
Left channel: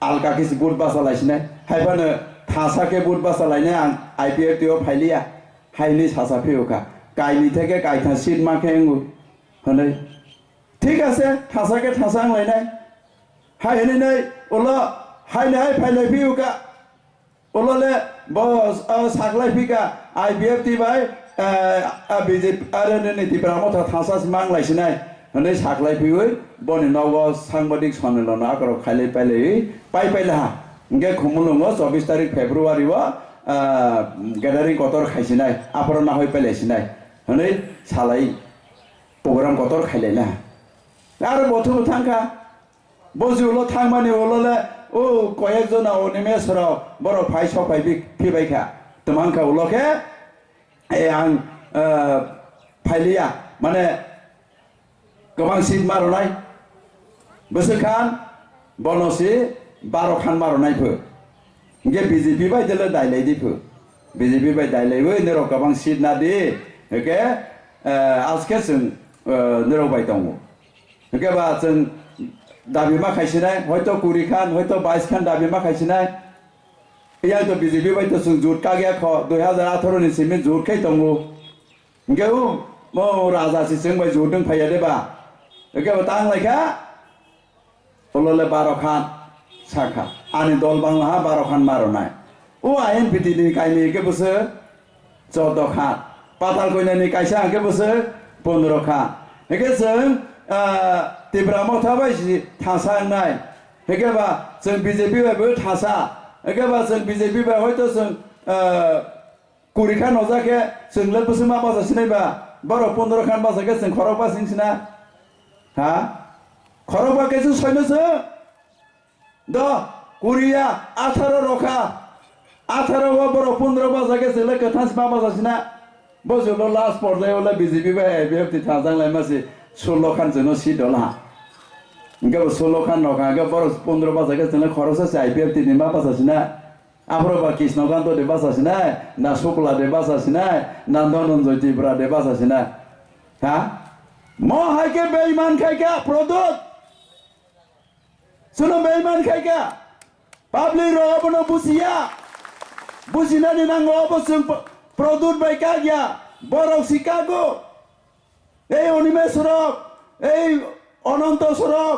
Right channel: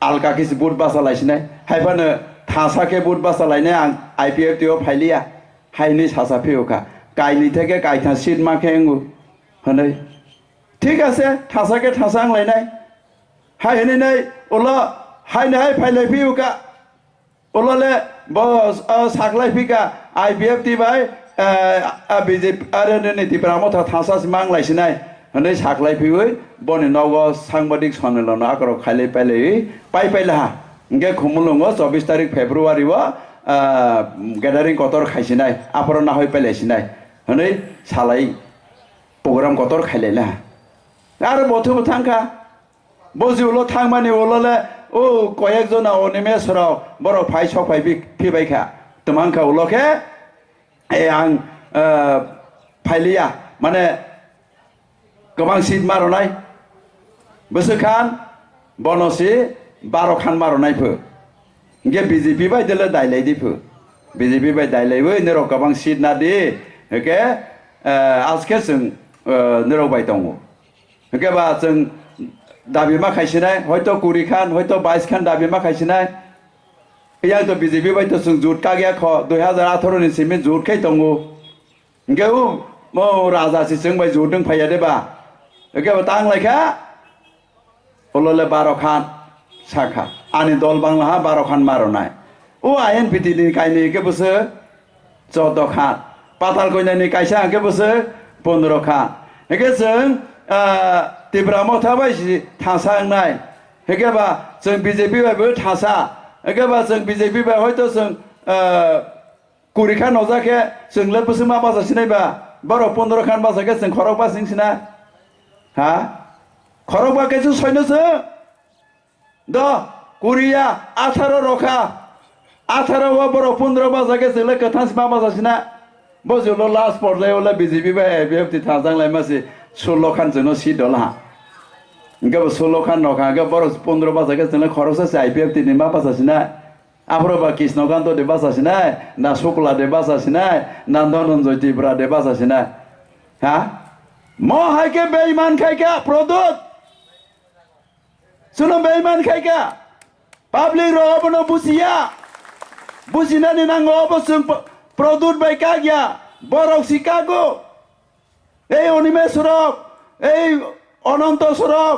आलका किस बुट बासा लाइसिनाय हाइफानो थासाके बुट बासा लाइनाय आं IPF ती ओ फाइलिया हाइनि सासा फेउका गाइनि थेके गाइथा सिट माखे एंगु हनै ठीक আছে थासाके थासा आं लाइनाय हाइ हनै ओला हाइनो हाइ फाइलाय फेउका ओलाले बस साखलाय फिका IPF ती बाय BJP आरो नै तिब्रामथा थासा सिमा आं लाइसिनाय हनै साखलाय फेउै बनि नगो सांबादिक सनलनो आकरो खाइले पाइले पाइला इंगे खुमुलंगो 24 तारिख फेब्रुवारी व गैदारिं कतर खाइसिनाय आफरो ना हय पाइलायसिनाय हनै सालाय प्रग्राम कतर खाइलेला आरो बथु थांखा बजिउल थांमानि ओलले ओ कयेक जना अनिमेसराव बर फाइ सफाइ फिबायखा तमांखा उलखे ए आं फाइलिया माने गोबां सीट मारनाय बोसोखान बनसि 12 खान मारनाय फो इंगे BJP बायदेले दाइलायदि फो BJP बाय दाइलायबो नेरो गोबां सीट ना दि हेके आजके जों नेरो बाय दङ हेके बा जों दाबि मा खायसिनाय हयतो 20 खान हयतो 22 खान दाबि मा खायसिनाय इया तो BJP बाय तो जों जुटका गया ख 2018 नि सिमे जुटखै दङ इंगे मो राजा सिजों बाय जुटदों फाया देबा हेके बा तां लायखा ओलले 12 खान साखा आनि दल बांला 12 खान मारनाय ओ INPT नि काइनि के बसो 14 खान पाताल कइनानि काइसा के बसो 15 खान हेके जों तिब्रामथा बायसि थासांनाय हेके बा जों BJP बायबो थासा हेके बा जों BJP बाय हयतो जों कुरिखा नजाके जोंले बसो मा बाजासिनायबा बर 15 खान बाजाके जों खरक बासिंसिना हा खरक बाकेसो सयनोसो द कुरिया 18 रखा 18 व बर 15 बाजाके जोंले कथास मा बाजासिना बजुल लास्ट पर्यायावले BJP बाय IPF ती थाजांलाय मासि 16 खान जोंनो सीट दला इंगे 16 खान रखा गे बर 15 बाजाके जोंले खरकसे IPF ती मा बाजासिना आफ्रोबा कृष्णकान्त दे बाजासिना ना शुक्ला दे बाजासिना ना धनंजय तिब्रा दे बाजासिना हा म हाइके बेईमान खाइका प्रदुत सुनो बेईमान खाइका पाब्लिक रबनो बुसिया बुसिनानि नांगो अबसों प्रदुत बाय कागिया बरक शिकागो এই অনিমে সরক এই অনন্ত সরক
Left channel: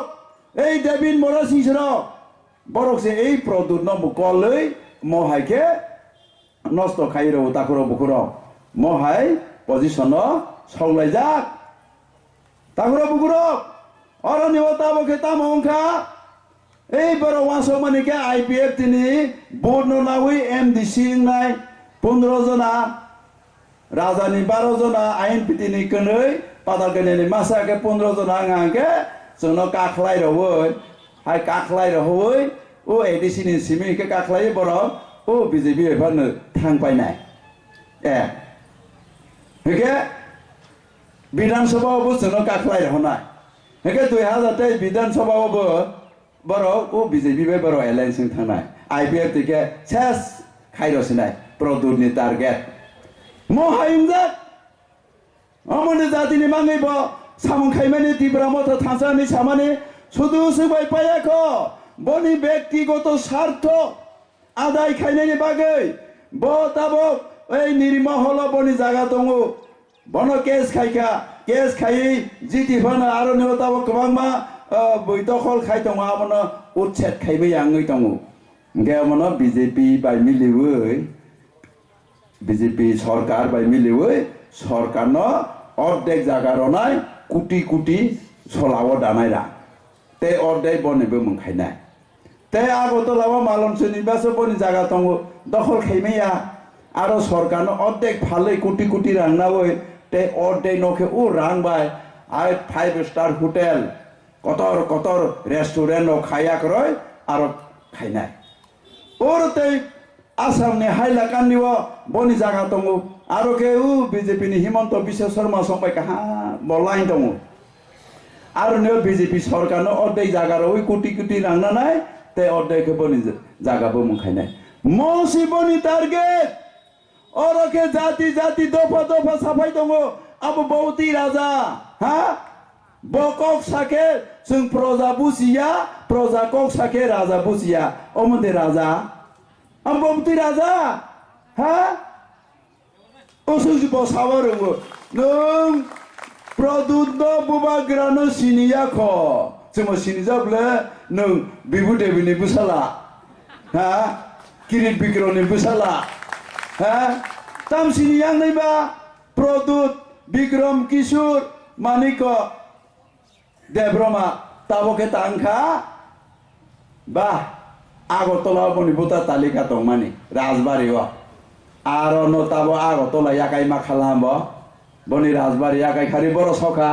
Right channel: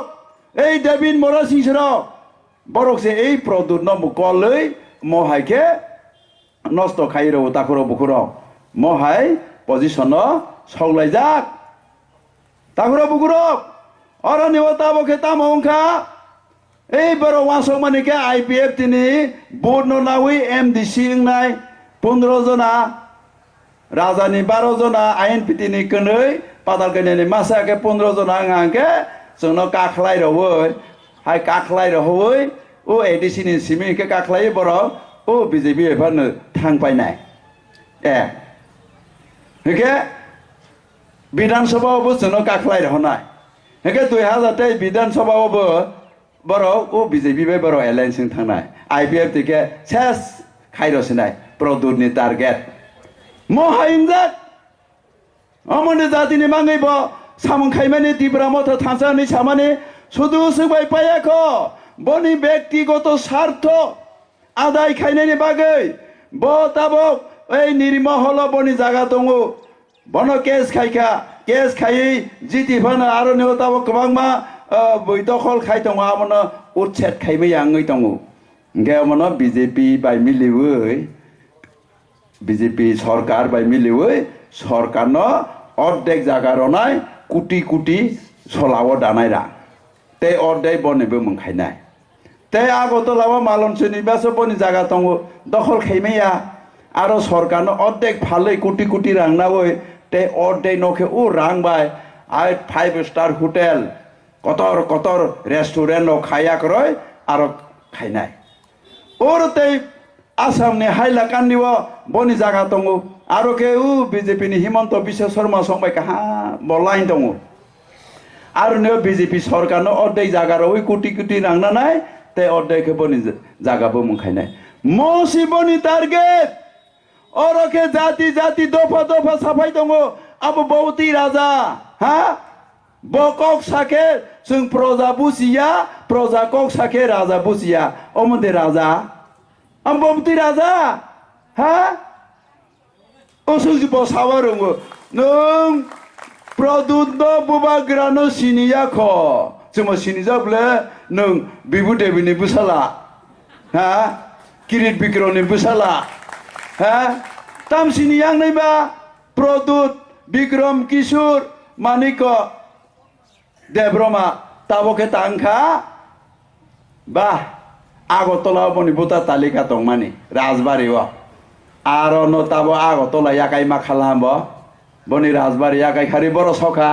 এই ডেভিড মরাসি সরক বরকসে এই প্রদুত নমকলই মহাইকে নষ্ট খাইরো তাকরো বুকুরো মহাই পজিশন সগলাইজাক তাকরো বুকুরো অরনিওতা বকে তামংখা এই বড় ওয়াসো মানিকে IPF তিনি বোর্ড নাউই MDC নাই 15 जना राजानि 12 जना INPT नि कनै पाताल कन्यानि मासाके 15 जना आंगे जोंनो काखलाय रहै हाय काखलाय रहै ओ ADC नि सिमिके काखलाय बर ओ BJP एफानो थांपायनाय ए हेके विधानसभायावबो जोंनो काखलाय रहनाय हेके 2023 विधानसभायावबो बर ओ BJP बाय बर एलायन्स थांनाय IPF तिके सेस खाइरसिनाय प्रदुतनि टार्गेट महाइंजात अमने जातिनि मांगैब सामं खाइमानि तिब्रामथा थांसानि सामानि सुदु सुबाय पायाखो बनि व्यक्तिगत स्वार्थ आदाय खाइनायनि बागै ब ताबक ओइ निरिमहल बनि जागा दङ बन केस खाइखा केस खाइ जितिफानो आरो नेव ताबक गोबांमा बैदखल खाइ दङ आमनो उच्छेद खाइमै आङै दङ गेमनो BJP बाय मिलिवै BJP सरकार बाय मिलिवै सरकारनो अर्धेक जागा रनाय कुटी कुटी सलाव दानायरा ते अर्धेक बनेबो मोनखायनाय ते आगरतलाव मालनसोनिबासो बनि जागा दङ दखल खाइमैया आरो सरकारनो अर्धेक फालै कुटी कुटी रांनावै ते अर्धेक नखे उ रांबाय आइ 5 स्टार होटेल कतर कतर रेस्टुरेंट नो खाया करय आरो खाइनाय और ते आसामनि हाइलाकान्दिव बनि जागा दङ आरो के BJP नि हिमन्त बिश्व शर्मा संबाय कहा बलाइन दङ আর নে বিজেপি সরকার অর্ধেক জায়গার ওই কোটি কোটি রাংনা নাই তে অর্ধেক বনি জায়গাবো মুখাই নাই মসি বনি টার্গেট অরকে জাতি জাতি দফা দফা সাফাই দङ আবো বৌতি রাজা হ্যাঁ বকক সাকে जों प्रजा बुजिया प्रजा कक साके राजा बुजिया अमदे राजा आम बौति राजा হ্যাঁ असुजिबो सावा रोङो नों प्रदुद्ध बुबाग्रानो सिनिया ख जों सिनिजाब्ले नों बिबु देबिनि बुसाला হ্যাঁ किरिट बिग्रहनि बुसाला হ্যাঁ ताम सिनियां नैबा प्रदुत बिक्रम किशोर मानिक देब्रमा ताबोके तांखा बा आगरतला बनि बुता तालिका दं मानि राजबारियाव आरो न ताबो आगरतला याकाय मा खालाम बनि राजबारि याकाय खारि बर' सखा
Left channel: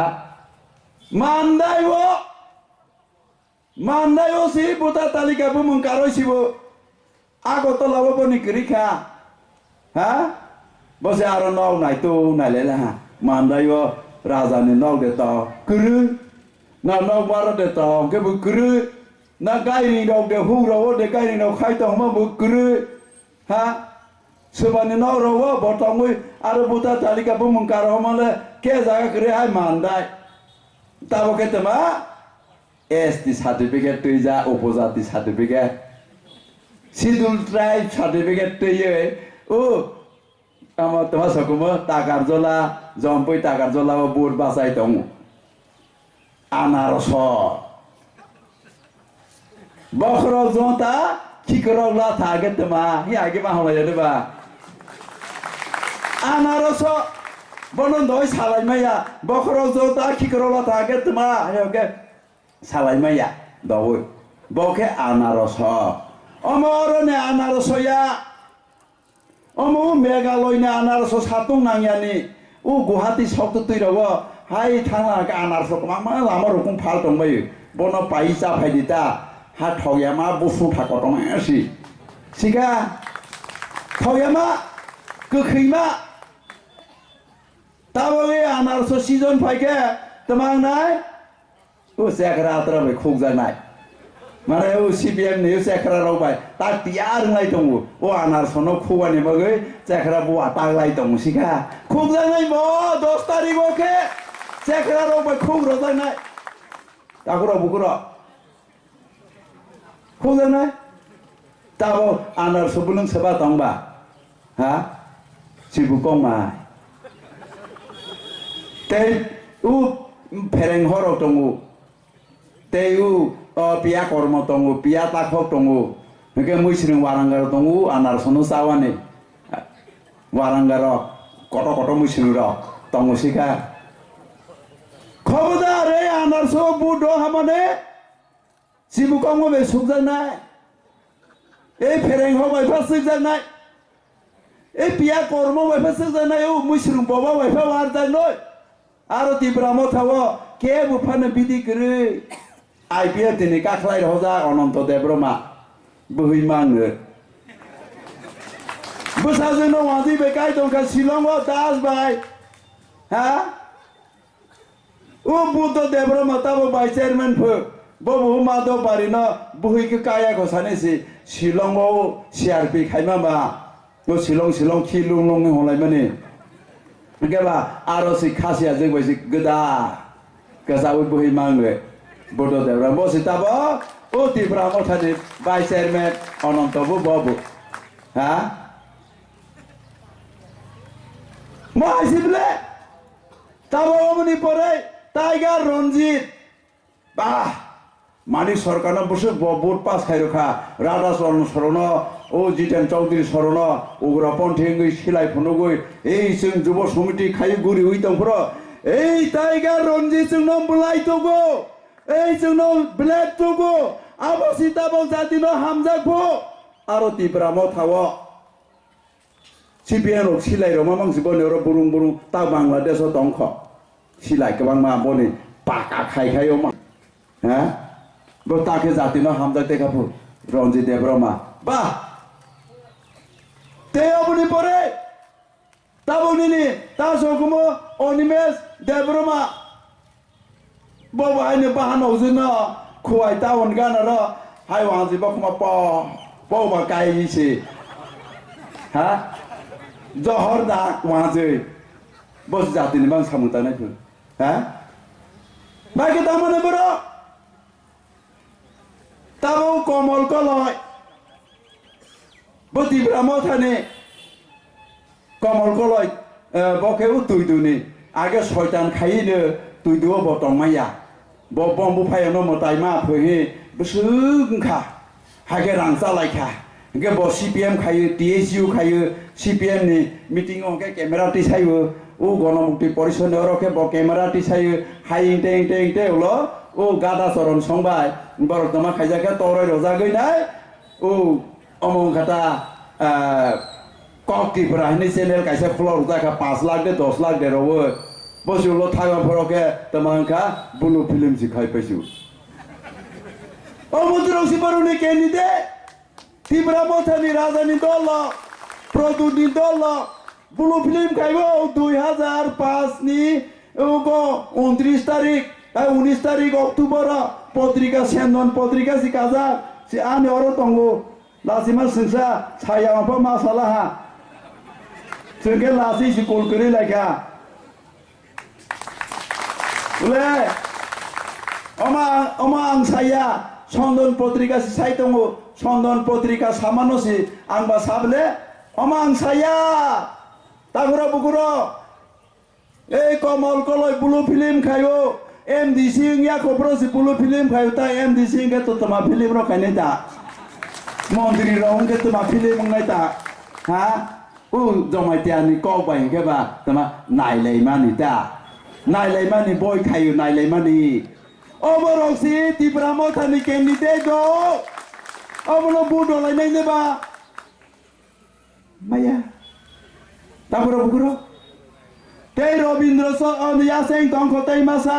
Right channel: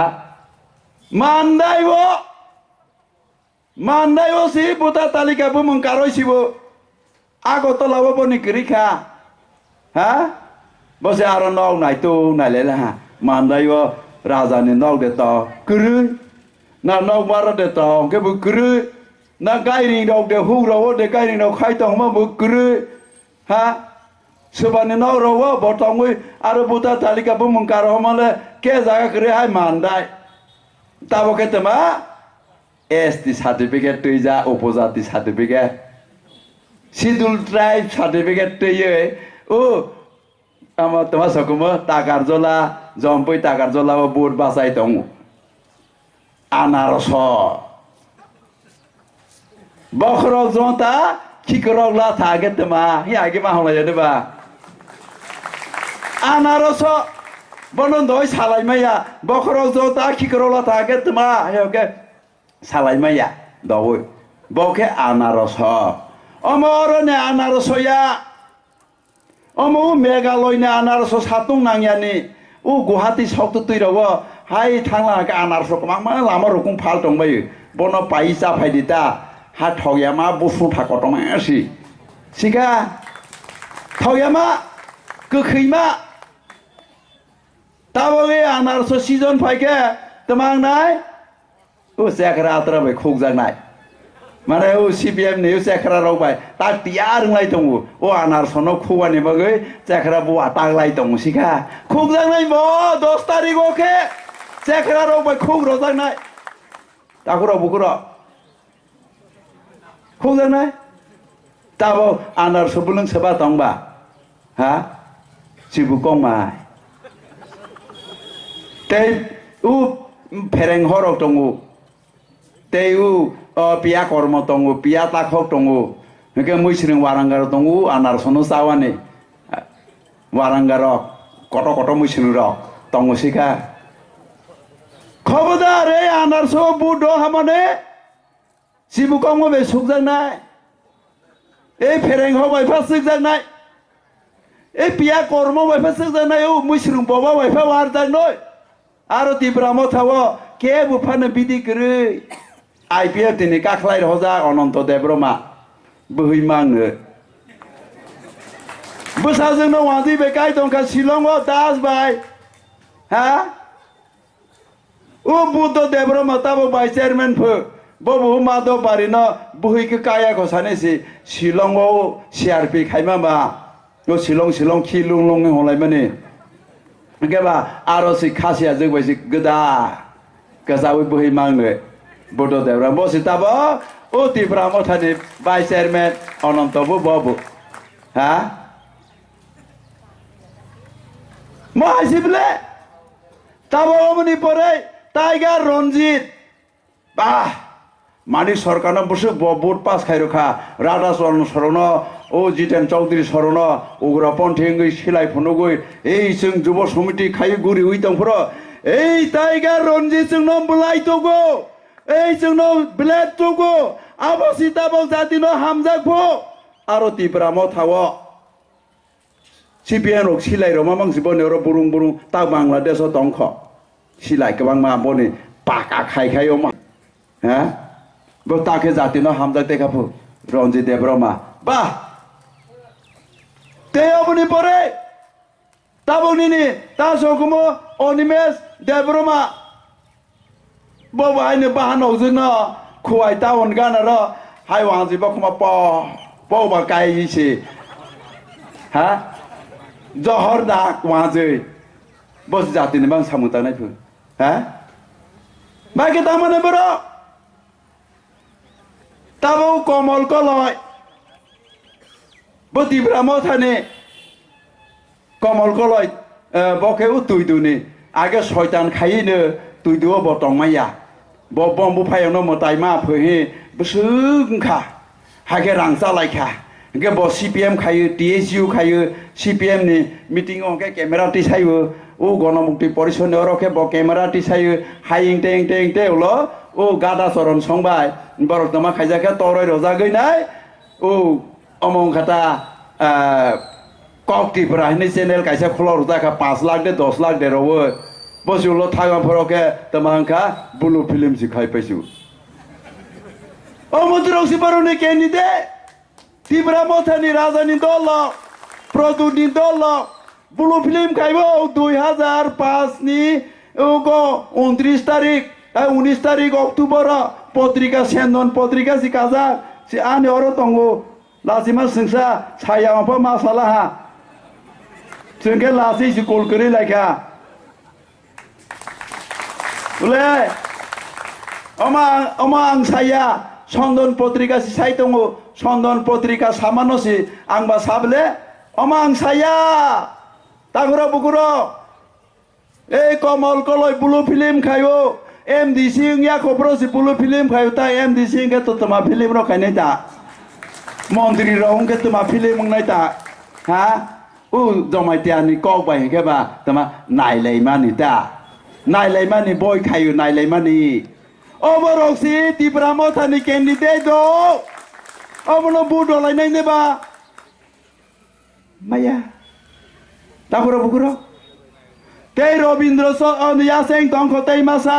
मान्दायो सि बुता तालिका बु मंकारोसिबो आगरतलाबो बनि गरिखा हा बसे आरो नौ नायतो नायलेला मान्दायो राजानि नौ देता गुरु ना नौ बारा देता के बु गुरु ना गायरि नौ दे हुराव दे गायरि नौ खायता हमा बु गुरु हा सोबानि नौ रव बतंगै आरो बुता तालिका बु मंकारो हमाले के जागा करे हाय मान्दाय ताबो के तमा एसटी सार्टिफिकेट तैजा उपजाति सार्टिफिकेट शिड्यूल ट्राइब सार्टिफिकेट तैये ओ आमा तमा सकुमो ताकारजला जम्पै ताकारजला बोर्ड बासाय दङ आनारस बखरक जता खिकरक ला थागे तमा हि आगे मा होला जदबा आनारस बनन दय सालायमाया बखरक जता खिकरक ला थागे तमा हेके सालायमाया दवै बके आनारस अमरने आनारसया अमु मेघालयनि आनारस सातुं नांयानि उ गुवाहाटी सक्तु तैराव हाय थांला आनारस मा लामा रखम फाल दंबायो बन पाइसा फायदिता हा थगयामा बुसु थाकटमासि सिगा थगयामा गोखैमा ताबगे आनारस सिजन फायके तमांनाय उ सेखरा आत्रा बाय खुगजानाय माने उ सीपीएम नि सेखरा रावबाय ता तियार लाय दङ ओ आनारसनो खुवानि बगै सेखरा बुआ तागलाय दङ सिगा खुगजानाय म 10 तारिख ओके सेखरा रावबाय खुग रजानाय ताकुरा बुकुरा खुगजानाय ताबो आनारस बुलुं सोबा दंबा हा सिबुकंमाय ते उ फेरें हरक दङ ते उ पिया कर्म दङ पिया ताखक दङ नके मैसों वारांगार दङ आनारसनो सावानि वारांगार कट कट मैसों र दङ सिखा खबरदार रे आनारस बुद हामाने सिबुकंग बे सुगजानाय ए फेरें हो बायफा सुगजानाय ए पिया कर्म बायफा सुगजानाय उ मैसों बबा बायफा वार जानाय आरो तिब्राम थाव के बुफानो बिदि गरै आईपीएफ दिनै काखलाय हजा अनंत देब्रमा बोहैमाङो बोसाजोंनो वाजि बेकाय दंखा शिलंआव दास बाय हा उ बुद्ध देब्रमा ताबो बाय चेयरमैन फो बबु माधव बारिनो बोहैखो काया खसानेसि शिलंआव सीआरपी खायमामा ओ शिलं खिलुं लं हलाय माने गेबा आरो सि खासिया जों बायसि गोदा गजावै बोहैमाङो बुद्ध देब्रा बसिताबो ओ तिब्राम थानि बाय चेयरमैन अनंतबो बाबु हा मासिबले ताबो मनि परे टाइगर रंजित बा मानि सरकारनो बसु बोट पास खायरखा राधा चरण शरण ओ जितेन चौधरी शरण उग्रपन्थी सिलाय फुनुगै ए जों जुब समिति खाय गुरि उइ दंफोर ए टाइगर रंजित जोंनो बुलाय दगो ए जोंनो ब्लेड दगो आबसिताबो जातिनो हामजाखो आरो तिब्राम थाव सीपीएन रक सिलाय रमा मांसि बनेर बुरुं बुरुं ता बांलादेश दंख सिलाय गोबां मा बने पाका खायखायो मा हा बो ताके जातिनो हामजा देखाफु रंजित देब्रमा बा ते अबनि परे ताबुनिनि तासोकुमो Animesh Debbarma bo ba ne ba no jing no khuai ta on ga na ro hai wang ji ba kuma po ba kai ji si ha johor da wang ji bo jati ne bang samuta nai phu ha ba ke ta mane bro ta bo komol ko loi bo ti bra mo thane komol ko loi bo ke u tui du ni age shaitan khai ne tui du bo tong ma ya bo bom bu phai no mo tai ma phe he bu sung kha ha ke rang sa lai kha ke bo CPM khai TSU khai CPM ni meeting o ke camera ti sai o গণমুক্তি পরিষদ রকে ব ক্যামেরা টি সাই হাইং টেং টেং টে হলো ও গাদা চরণ সংবাই বরক তোমা খাইজাকে তরয় রজা গই নাই ও অমং খাতা ককটি প্রাহনি চ্যানেল কাইসা খোলা রজাকা 5 লাখ দে 10 লাখ দে রব বসুলো থাগা ফরকে তোমাংখা বুলু ফিল্ম সিখাই পাইছু ও মন্ত্রী বারনি কেনি দে তিব্রা মথানি রাজধানী দল প্রদুনি দল বুলু ফিল্ম খাইব 2005 ni 29 তারিখ 19 তারিখ অক্টোবর পত্রিকা সেন্দন পত্রিকা সি কাজা সি আনি অর তঙ্গো লাসিমা সিংসা ছায়া অপ মাসালা হা সিংকে লাসি সি কল করে লাইকা বলে অমা আং ছায়া সন্দন পত্রিকা সি সাই তঙ্গো সন্দন পত্রিকা সামান্য সি আংবা সাবলে অমা আং ছায়া তাগুরা বুকুরো এই কমল কলয় বুলু ফিল্ম খাইও MDC ইয়া খবরসি বুলু ফিল্ম খাইও তা MDC কে তো তোমা ফিল্ম র খাই নাই তা মন্ত্রী রং কে তোমা ফিল্ম নাই তা হা ও জমাইতিয়ানি কক বাই কে বা তোমা নাইলাই মানি তা নাইলাই মানি বই খাইও নাইলাই মানি অবরক্সি তিব্রাম থানি ক্যান্ডিডেট দো অবনো বুডলাই নাই নেবা মায়া তারপরে বুকুরো তেই রবীন্দ্র অনিয়া সেং তংখ তেই মাসা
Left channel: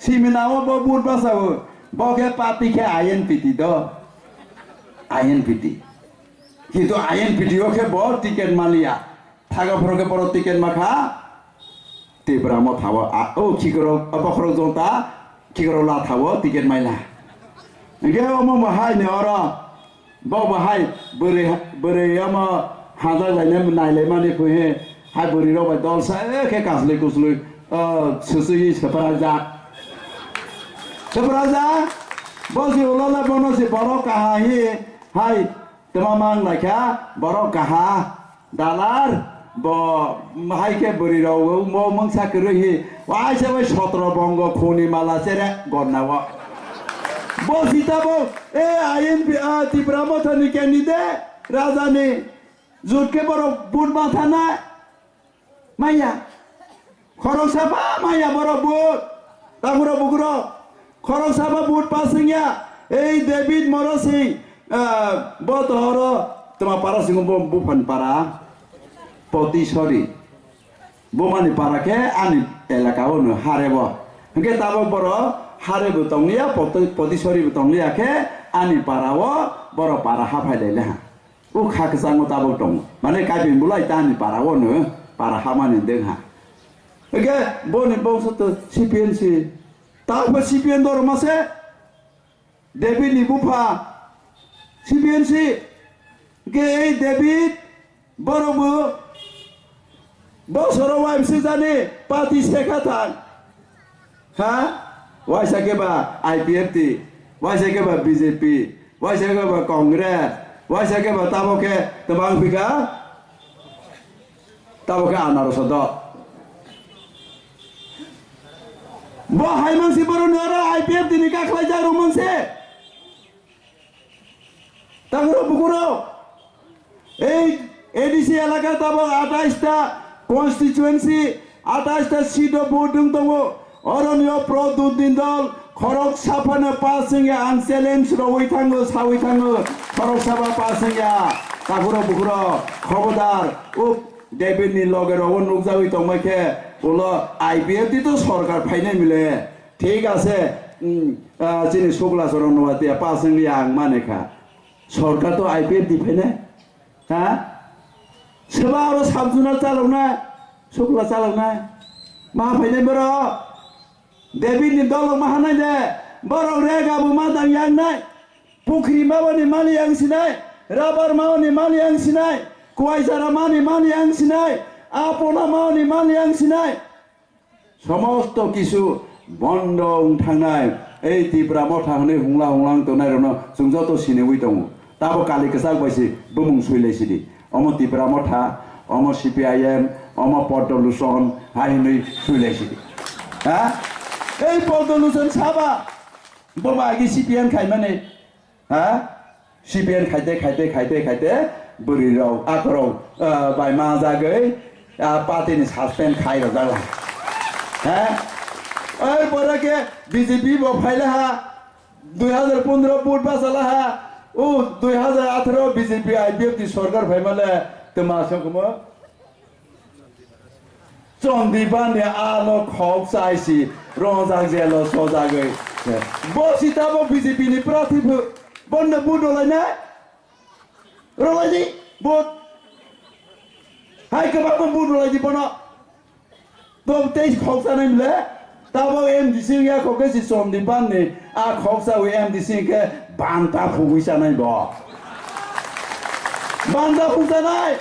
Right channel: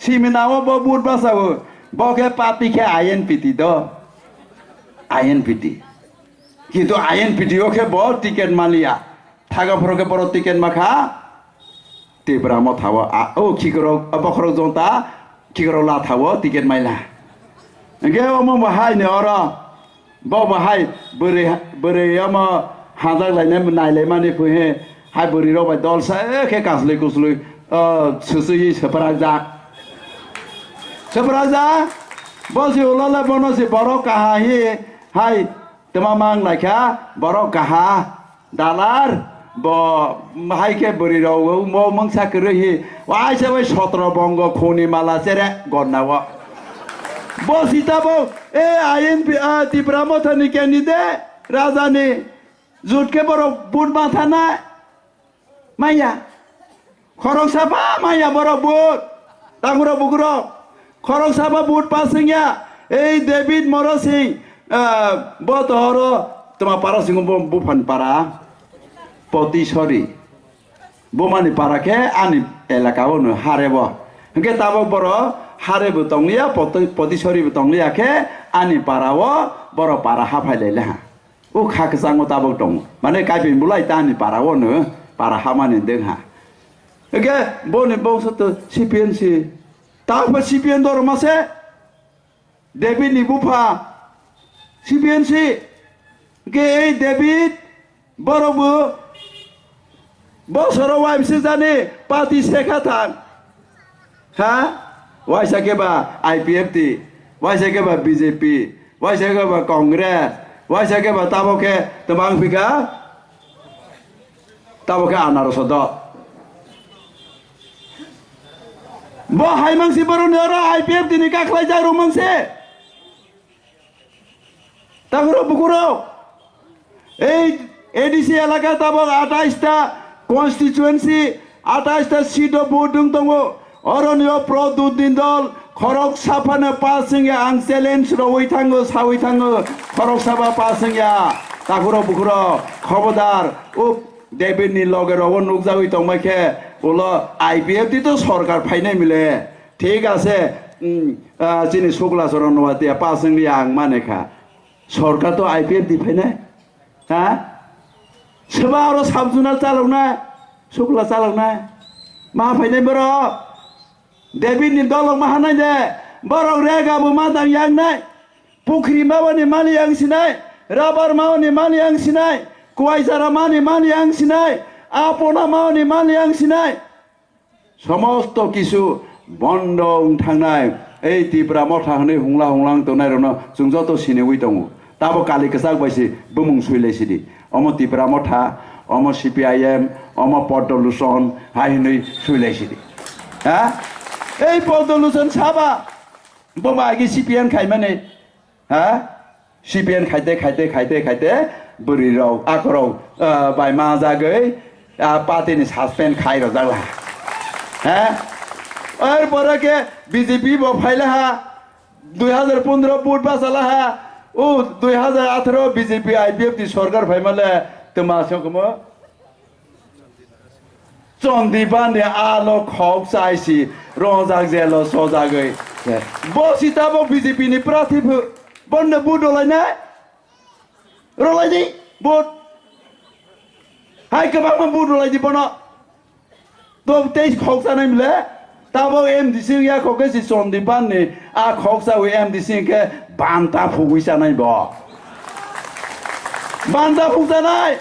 সিমিনাও বুট বাসাও বকে পাতি খে আইএনপিটি দ আইএনপিটি কিন্তু আইএনপিটি ওকে ব টিকেট মালিয়া থাগা ফরকে বড় টিকেট মাখা তেব্রাম থাও ও খিকরো বখরো জন্তা খিকরো লা থাও টিকেট মাইলা গে ওমো মাহাই নে অর ব মাহাই বরে বরে আমা হাজার লাইনে নাইলে মানে ফুহে হাই বরি রবাই দল সা একে কাসলে কুসলে সুসুই সেপরাজা সেপরাজা বসি ওলালা বনসি বড় কাহা হি হাই তোমা মাং লাইখা বড় কাহা দালার ব হাইকে বরি রও মো মংসা করে হি ওয়াই সবাই 17 বঙ্গ খনি মালা সেরে গন্নাও বসি তাবো এ আইএনপি তিব্রাম থানি ক্যান্ডিডেট রাজানি জুটকে বড় বুট মাথা না মাইয়া খরক সাপা মাইয়া বড় বুট তাগুরো বুগুরো খরক সাপা বুট পাসিংয়া এই ডেভিড মরসিং বতর তোমা পারা সিং বুফান পারা পতিসরি বোমানি পারাকে আনি এলাকাও ন হারেব হংকে তাবো বড় হারেব তংলিয়া পতিসরি তংলিয়াকে আনি পারাও বড় পারা হাফাইলাইলে হা ও খাকে সাঙ্গ তাবক দং মানে কাইপিন বুলাই তানি পারাও ন পারা হামানি দেং হা একে বনি বংশত সিপিএনসি তারপর সিপিএন দর মাসে ডেভিড নিবুফা সিপিএনসি কে এই ডেভিড বড়বু বছর ওয়াইমসি জানি পাতি শেখা থাক হ্যাঁ ওয়াইসা কেবা আইপিএফটি ওয়াইসা কেবা বিজেপি ওয়াইসা কেবা কংগ্রেস ওয়াইসা কেবা তাবকে তোমাং ফিকা তাবকে আনারস দ ব হাইমাংসি বড় নেরা আইপিএফ দিনি কাখলাই যা রুমাংসে তাগুরো বুকুরো এই এডিসি এলাকা তাবক 28টা কনস্টিটুয়েন্সি 28টা সিট ভোট দङ অরণ্য প্রদুদিন দল খরক সাফানে পাসিংয়া আং চ্যালেঞ্জ রই থাङो সাউই থাङो খরক সাফা পাসিংয়া তাগুরো বুকুরো খবরদার ও ডেভিডনি লগে রব নুকজাউই তংমাইখে বলো আইপিএফ টি তো সরকার ফাইনাই মিলে ঠিক আছে যিনি শুক্লা চরণ নবাতিয়া পাসিংয়া আং মানেখা সরকার তো আইপিএফ দি ফাইনাই হ্যাঁ सोरबा आरो साब जुनार चालावनाय शुक्ला चालावनाय मा फायनाय बर' David ni dolong mahanai de borok rega bu madang yang nai pukri mawa ni mali yang sinai rabar mawa ni mali yang sinai kuai jara mani mali yang sinai apona mawa ni mali yang sinai সমস্ত কিছু বন্ধ থাंनाय এই ত্রিপুরা মথা হনে হুংলা হুংলাং তনাय रनो जों जत सिनेवै दङ ताबो कालि कसाक बायसि बुमुं सुइलायसिदि अम त्रिपुरा मथा अम CPIM अम पदलुसन हाइनै सुइलायसिदि हा এই পদলুसन साबा बबागि CPN खायमाने हा CPN खायते बोरिराव आकराव बायमा जागै पार्टीनि सासपेन्ड खाइर जाला হ্যাঁ ওই পরে কে বিজেপি বফাইলে হা 2015 ভোট বাসালা হা ও 2018 বিজেপি আইপিএফ দি সরকার ফাইমালে তোমা সকম চন্দিবানে আলো খব চাইছি রজাক জেল সজাগৈ বসিতাবো বিজেপি নি প্রার্থী বন্ধ ভোট হলাইনাই রলাইদি ভোট হাই কবা ভোট হলাইদি বন তো তেইশ খকসা নাই মিলে তাবো MDC ইয়া খকে সি চন্দিবান নি আ খকসা ওই MDC কে বান্তা ফুগুইসা নাই ব বান্তা ফুগসা নাই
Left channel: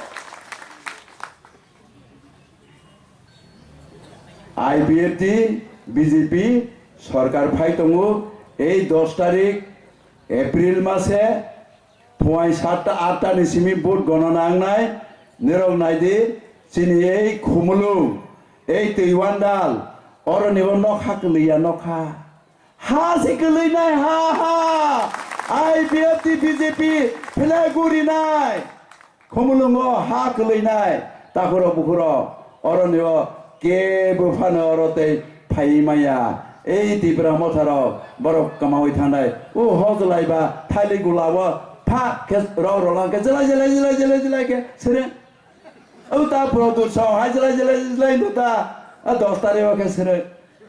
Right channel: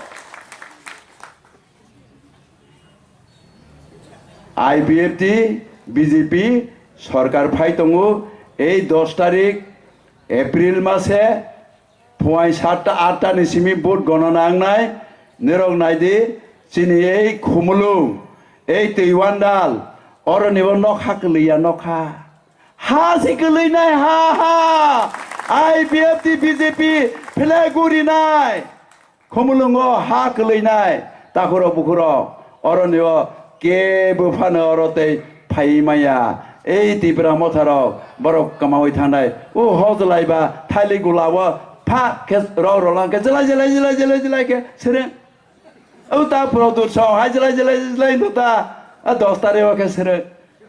IPFT বিজেপি সরকার ফাই দङो এই 10 তারিখ এপ্রিল মাসে ফুয়াই 7টা 8টা নিসিমি ভোট গণনা আংনাই নিরং নাইদি চিনি এই খুমলু এই তৈওয়ান্ডাল অর নিব নখা কলিয়া নখা হা সিকলি নাই হা হা IPFT বিজেপি ফেলেগুরি নাই খুমলুঙ্গ হা কলি নাই তাকুর বুকুর অর নিব কে বুফানো অরতে ফাইমায়া এই ত্রিপুরা মথারাव বরক কামাই থানায় ও হজলাইবা থাইলি গুলাব ফা কে রলাকে জলাই কে সেরে ও তা প্রদুর সহ হাই জলাই তো তা 10 তারিখ কে সেরে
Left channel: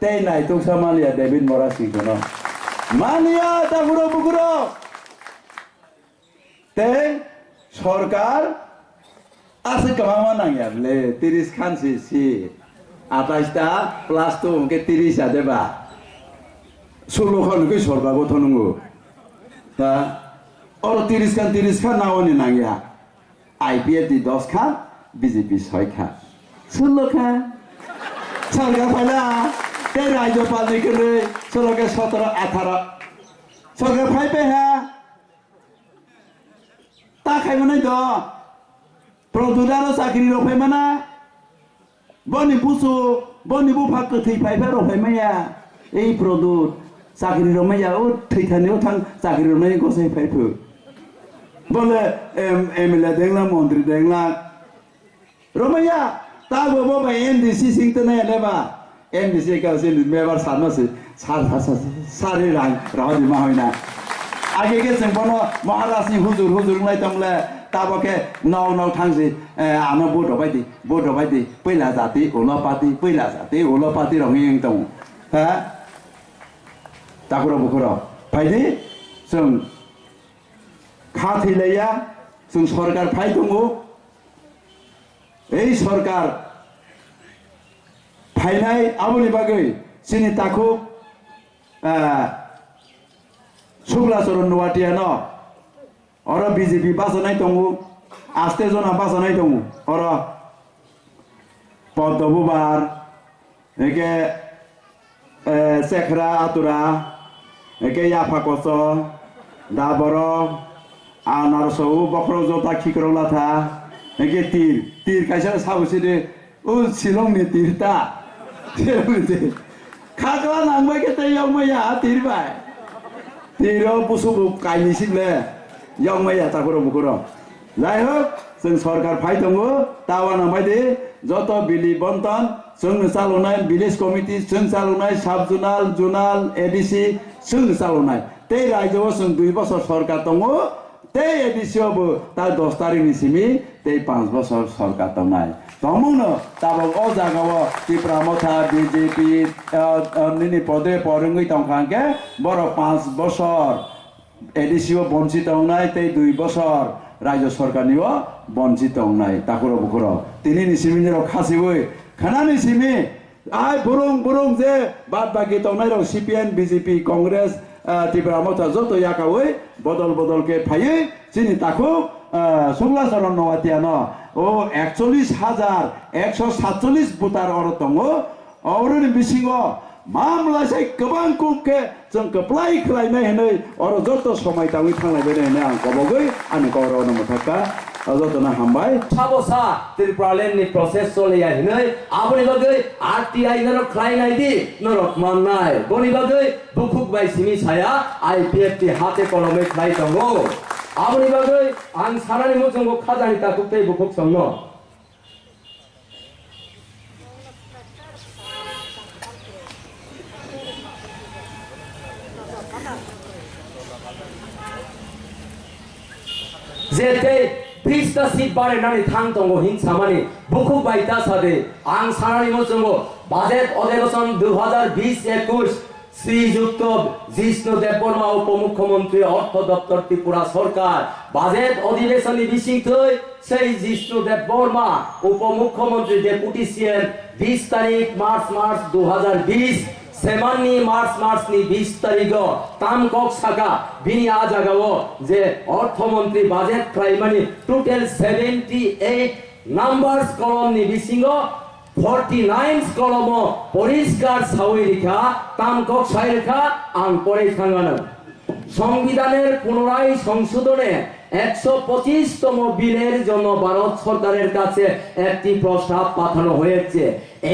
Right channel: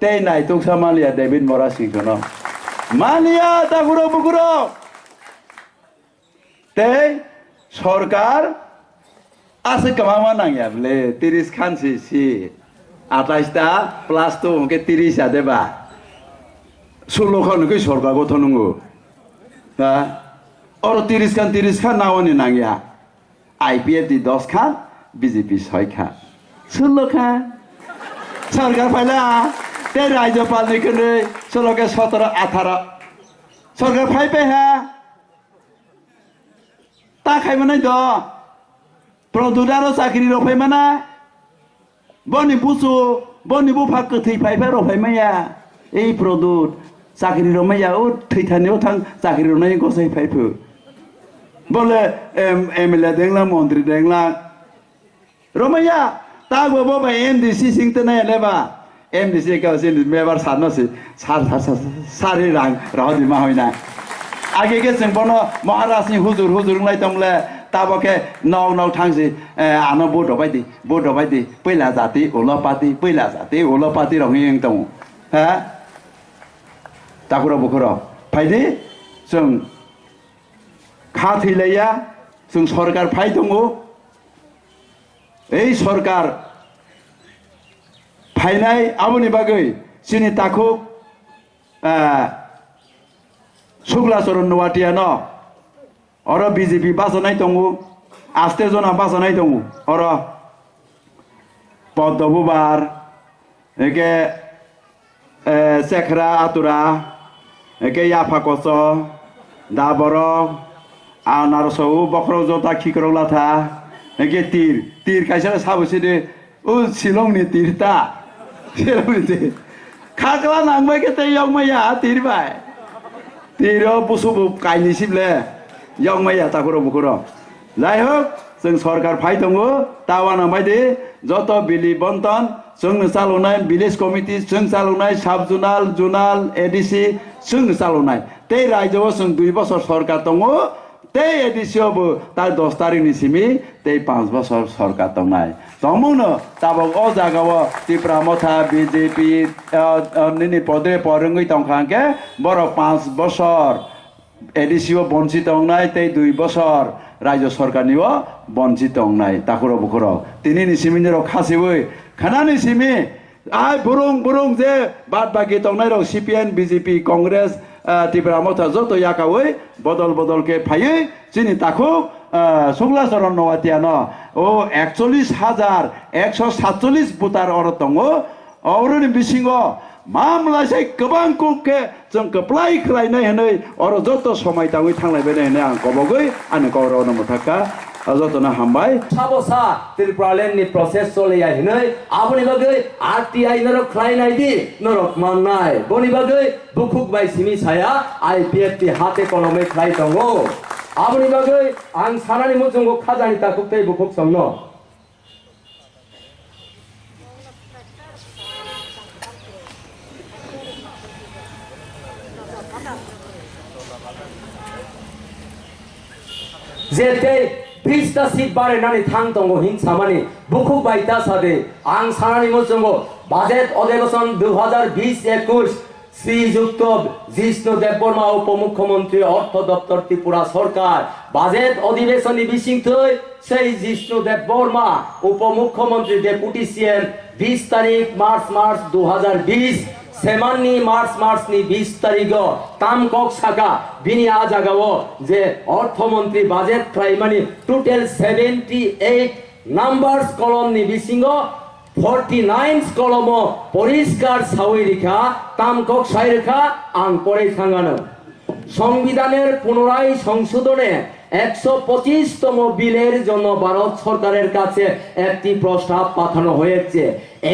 তেই নাই তুকসা মালিয়া ডেভিড মরা সিংকনো মালিয়া তা গুরো বুকুরো তেই সরকার আছে কামামা নাঙ্গিয়া বলে 30 খান সি 28টা প্লাস তো ওকে 30 আ দেবা 16 খান কই সরকার গঠন নঙ্গো হ্যাঁ আর 30 খান নাওনি নাঙ্গিয়া IPFT 10 খান বিজেপি 6 খান 16 খান সরকার ফাইলা তে রাজ্যপাল নিকনে 16 কে 17 18 সরকার ফাইবে হ্যাঁ তা খাইমানে দ প্রদুদারো চাকরি রফাইমানা বনি বুসু বনি বুফা কথৈ ফাইফা রফাইমায়া এই প্রদুদ চাকরি রমাইয়া ও থৈথানেও থাং চাকরি রনাই গসাই ফাইফো বলে MLA দেংলা মন্ত্রী দেংলা রমাইয়া তা বব MDC সিংতে নাই লেবা MDC কাউসিন মেবার সানসি সারি রাং রাহদি মা হইনা আগে কে जों বন মহারাজনি হুজুর লাই তংলে তাবকে নাও থাংসি আনো বড বাইদি পয়লা জাতি ওলা পাতি রঙিং দङ হ্যাঁ তাকুরা বুকুর ফাইদি जों খা থैलाया जों সরকার ফাই দङ এই সরকার ফাইনাই আমনি বাগৈ চিনি তাকু শুক্লাচরণ নোয়াটিয়া ন অর বিজেপি বাসনাই দङ আস্তে জনা বাসনাই দङ অর পদ্মবুবার একে সেখরা আতুরা একে ইয়াফাকস দাবর আনারসৌ বক্র জতা খিকরলাথা একে তীর কাইসা সাবসি দে ও শিলংনি তীরতা শিলংনি তীর খাগলা নাংবাই কে তাই ইয়ংমাইয়া তীর বাই তীর বুসুবু কাইনিসিবলে ইয়ংমাইয়া তাকুর বুকুর যাই হোক जों सरकार फाइ दङ तावाना बायदि যত बिलि बन्टन जोंनो चालुनाय विलेज कमिटि जों चालुनाय साब जुनाल ADC जों चालुनाय ते रायजोआव जों 2 বছর सरकार दङ ते ADCआवबो ता 10 तारिखनि सिमि ते 5 বছর सरकार दंनाय दमनो ताबो अ जागाव त्रिपुरा मथा BJP निनि पदे परंगै दंखांके बर 5 বছর ADCआव बन्चित दंनाय ते 2 বছর রাজ্য সরকারনিও বঞ্চিত নাই তাকুর বুকুর তিনি নিসিমিনের খাসিবই খানা নিসিমি ai burung je bad bagi tongnai rok CPN BJP Congress Tripura motha joto yakawi bodol ke phaiye chini takuk songla saron nowatiano o 41,147 butar oro tongo oroni bisingo मामला से गोबां कुके जों गोप्लाय खालायनाय हनै अर जत समय दाङै थांलायबाय होननानै आं कबगै आंनि गौरव नमथाका जतना हामबाय साबसा त्रिपुरालेण्डनि प्रसेस सोलिया हनै आबनि बागै RTI नरक खालायनायदि नरक माननाय बनि बागै बुखुक बाय सिमी साया IPF ति हाते कलमै खालाय दङो आबनि बागै आं सानानि मोजोंगो खाजानि ताकुतै बुखुक संनो जेते 20टा सीट बारायनानै थांदोंगो हिंसामानि बुखुक बायता सादे आं सानानि मोजोंगो बाजेट अधिवेशन 2020-21 শ্রীযুক্ত জিষ্ণু দেববর্মা উপমুখ্যমন্ত্রী অর্থ দপ্তর ত্রিপুরা সরকার বাজেট অধিবেশনী বিশিংথৈ সেই জিষ্ণু দেববর্মা উপমুখ্যমন্ত্রী ডেপুটি সিএম 20 তারিখ মার্চ 2020 सेमाननि मार्चनि 20 तारिख तामकक साका बिनि आजागाओ जे अर्थमंत्री बाजेट क्राइमानि टोटल 78 नम्बर्स कलमनि बिसिङो 49 कलम परिष्कार सावैरिखा तामकक साइरेखा आं परायखांगानो संविधानेर पुनराय संशोधने 125তম বিলের জন্য ভারত সরকারের কাছে একটি প্রস্তাব পাঠানো হয়েছে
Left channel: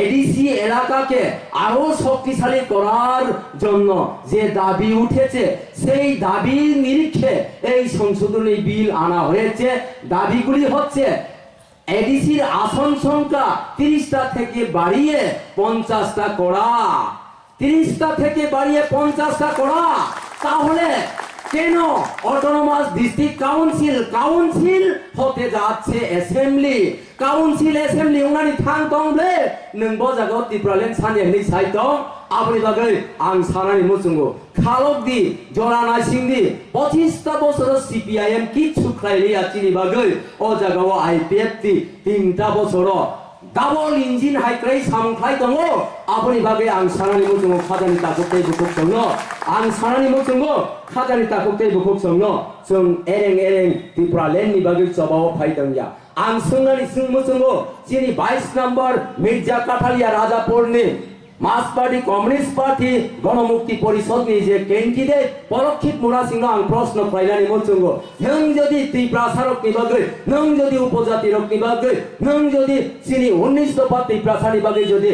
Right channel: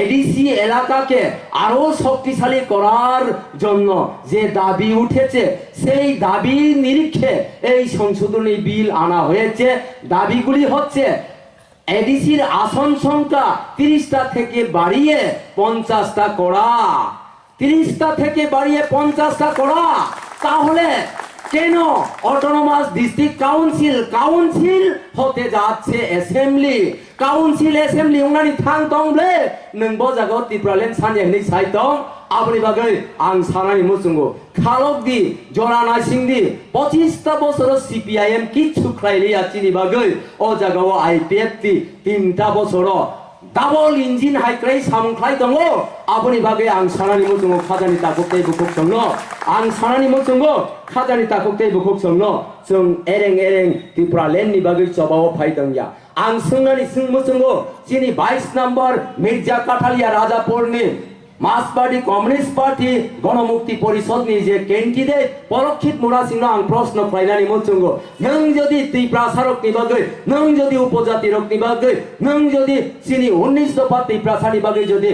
এডিসি এলাকাকে আরো শক্তিশালী করার জন্য যে দাবি উঠেছে সেই দাবির নিরিখে এই সংশোধনী বিল আনা হয়েছে দাবিগুলি হচ্ছে এডিসির আসন সংখ্যা 30টা থেকে বাড়িয়ে 50টা করা 30টা থেকে বাড়িয়ে 50টা করা তাহলে কেন অটোনোমাস ডিস্ট্রিক্ট কাউন্সিল হতে যাচ্ছে অ্যাসেম্বলি উনানি থাংতংब्ले नोंबो जागो त्रिपुरालेण्ड सानजेंनि साइटं आबनि बागै आं सानानि मुसुंगो खालकदि जनाना सिंदि 25टा बছর CPIM किछु खायलिया चिनि बागै ओ जागाव IPF ति 3टा बছর डाबल इंजिन हाइक्राइ सामख्लाय दङ आबनि बागै आं सानानि मुसुंगो खाजानि ताकुतै बुकुक संनो आं सानानि मुसुंगो खाजानि ताकुतै बुकुक संनो जों एरें त्रिपुरालेण्डनि बागै जबाव फायदोंया आं सोंनानि मुसुंगो चिनि 22 नम्बर मिर्जा काठालिया राजापुरनि मार्क्सवादी कम्युनिस्ट पार्टी गणमुक्ति परिषदनि जे कैंडिडेट परोक्षित मुरासिंह आं प्रश्न खालायनानै मुसुंगो नों जदि त्रिपुरा सारकनि बागै नों जदि उपजाति रकनि बागै नों जदि चिनि 19 दफा त्रिपुरा सानि बागै जदि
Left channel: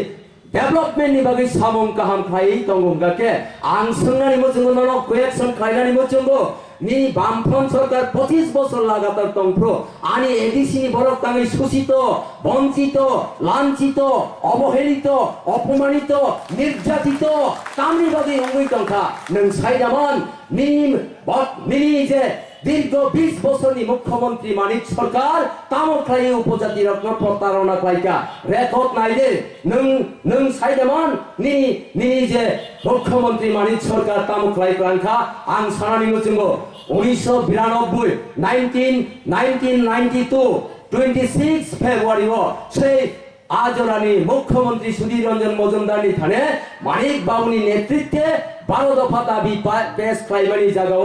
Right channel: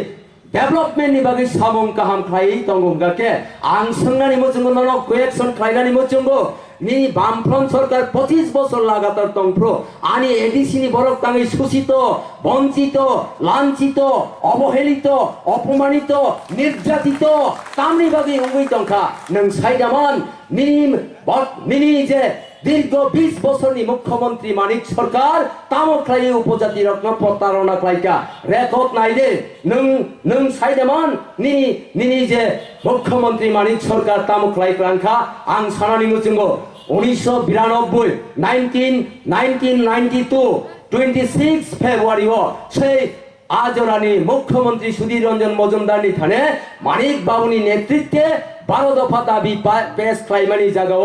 डेभलपमेन्टनि बागै सामं काहाम खायै दंगमगाके आं सोंनानै मुसुंगो ननो क्वेश्चन खालायनानै मुसुंगो नि बामफ्रम सरकार 25 বছর লাগাতার তংপ্র আনি এডিসিনি বরক তাঙ্গি শোষিত বঞ্চিত লাঞ্ছিত অবহেলিত অপমানিত নির্যাতিত তামনি বাগै উঙ্গৈ তংখা नों साइदामान निनि जे दीर्घ 20 বছরনি मुख्यमंत्री मानिक सरकार तामख्लाय उपजाति रत्न प्रतारणा खालायका रेकर्ड नायदे नों साइदामान निनि जे मुख्यमंत्री मानिक सरकार तामख्लाय क्रांखा आं सानानि मुसुंगो 1992 26 फेब्रुआरी से आजरानी मुख्यमंत्री सुधीर रंजन मजुमदारनि थाने मानिक बाबुनि नेतृत्वे 12 दफा दाबी पेश खालामनायनि जागाव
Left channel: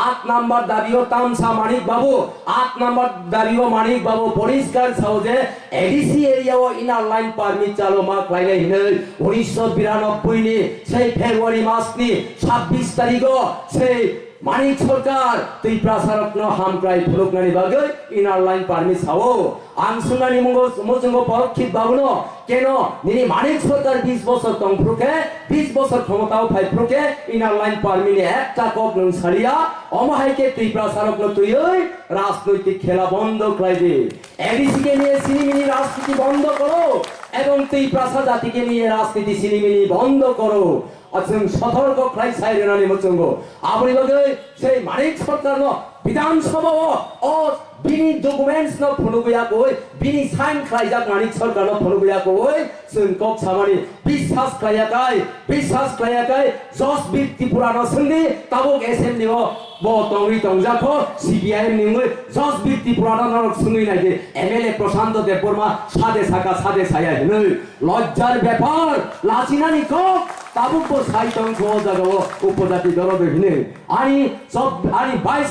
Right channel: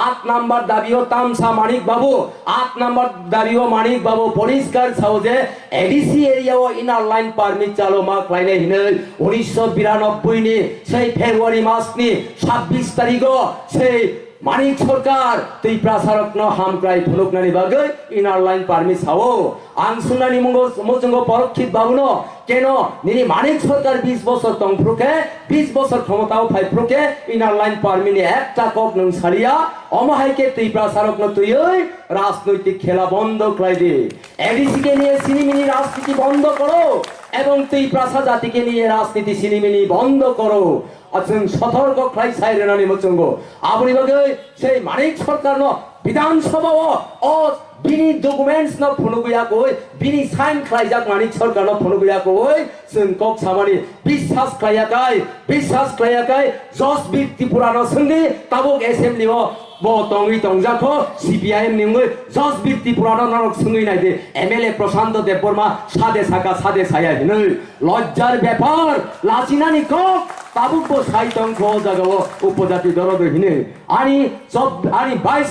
8 नम्बर दाबियो तामसा मानिक बाबू 8 नम्बर दाबियो मानिक बाबू परिष्कार सावजे एडिसि एरियाव इनार लाइन पारमिट चालु मा खालायनाय हिनै 1992 नि से फेब्रुआरी मासनि 26 तारिखो से मानिक सरकार त्रिपुरा सारकनो हामक्राय फुलुकनानि बागै इनार लाइन पारमिट सावो आं सुनानि मुंगो परोक्षित बाबुनो केन निनि मानिक सरकार 20 বছর तंफ्रुके 20 বছর क्षमताव फाइफ्रुके इनार लाइन पारमिट एकटा कक नों सारिया अमाहायके त्रिपुरा सारकनो तुयै राजनैतिक खेला बंद खालायदि एडिसि के निये सिनिमिनि राजनीति बंद करो एवं त्रिपुरा जातिके निये राजनीति सिनिमिनि बंद करो जों सतर्क खालाय सायरेनानि मुसुंगो आबनि बागै से मानिक सरकारनो विधानसभाव अ बिनि डकुमेन्ट्स न फुनुगयाखै बिनि साइन खालायजाक मानिक सरकारनो फुनुगयाखै जों कक सामानि विश्वास खालायाखै जस बिर त्रिपुरानो सोंदि Tabuk एसेम्बलिआव bo tongi tongjako CPIM ningoi Josbir Tripura narok sungui naide MLA Prashanto Deborma sade saka sade saya hinoi lojjar ব্যাপার লাচিনানি কক তাবুক bo saitong ko jagao upodati dorodo hine ani 22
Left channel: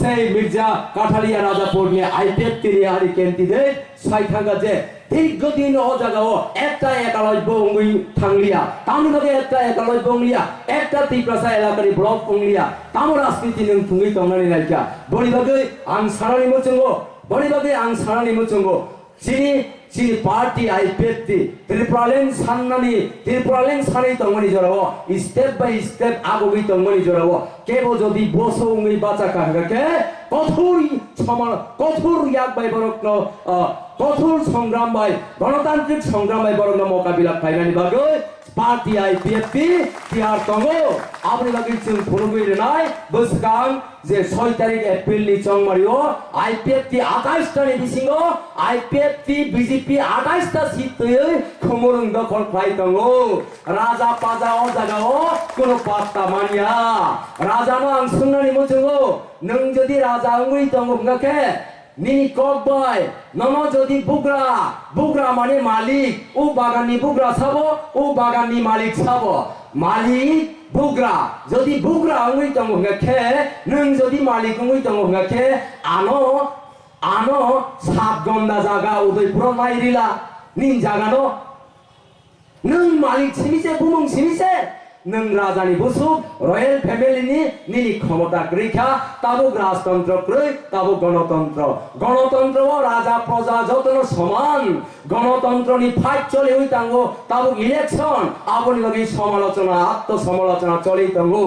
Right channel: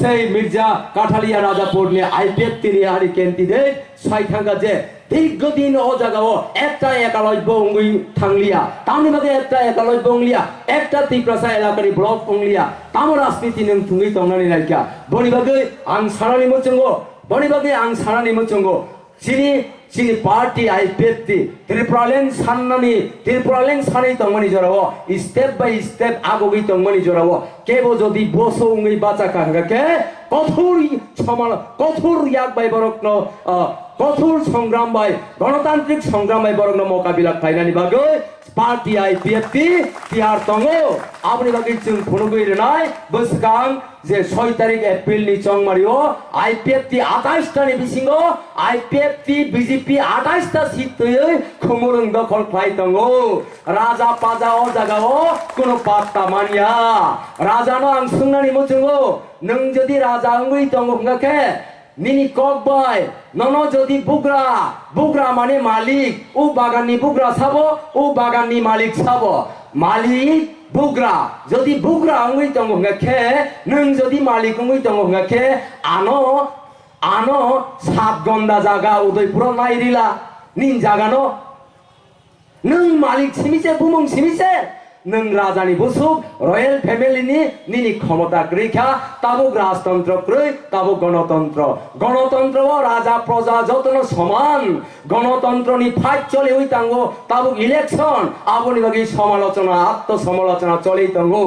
sei Mirza Kathalia Rajapur ne IPF tiri ari candidate saithanga je দীর্ঘদিন ও জায়গাও একটা একালব্য অঙ্গি থাংলিয়া তামনি মাঝে একটা একালব্য অঙ্গলিয়া একটা ত্রিপ্রাসা এলাকারি ব্লক অঙ্গলিয়া তাম রাজনীতি নং থুঙ্গি তংনানি নাইকা বনিবাগে আং সারানি মচঙ্গো বনিবাগে আং সারানি মচঙ্গো সিনি পার্টি আইপিএফটি ত্রিপুরালেন সানি তংমানি জরাও স্টেপ বাই স্টেপ আগগি তংমানি জরাও কেবো যদি বসো অঙ্গি বাঁচা কাঙ্গাকে কঠোর ইয়াক বাই বরকন কঠোর সংগ্রাম বাই গণতান্ত্রিক সংগ্রাম বাই বরকন মোকাবিলা খাইনানি বাগে পার্টি আইপিএফটি টিআর তঙ্গো আপনি বাগে চিং ফোনগই নাই বসকাং যে 6 তারিখ এপ্রিল নি চংমারিও আইপিএফটি 28 টা নি বিসিঙ্গ আইপিএফটি বিজেপি 28 টা সিট তৈ খমরং দখল খাই তঙ্গো রাজা পাজা ও জাগাও কোন পাত্তা মানিয়া রাজা নো আং সুংনানি মচঙ্গো নং যদি রাজা অঙ্গই তঙ্গো গাকে নিনি ককবাই ননো যদি বুগরা মানে মালিক ও বাগানি বুগরা ছাবো ও বাগানি মালিক ছাবো মালিক বুগরা যদি বুগরা অঙ্গই তঙ্গো গাকে নং যদি মালিক অঙ্গই তঙ্গো গাকে আনো সাত গন্ডা জায়গা উদয়পুর নাইরিলা নিন জাগানো নং মালিক সিমিছে বুমং সিমিছে নং রাজানি বসুক রয়্যাল ফ্যামিলিনি নিনি ক্ষমতা রেখা তাবুক রাজতন্ত্র ক্রয় তাবুক গণতন্ত্র ও রাজা প্রজা যতন সমান গণতন্ত্র নি ফাইট চলে ওই তাঙ্গো তাবুক ইলেকশন আপনি বাকি সমালোচনা আত্মসমালোচনা চলে তাঙ্গো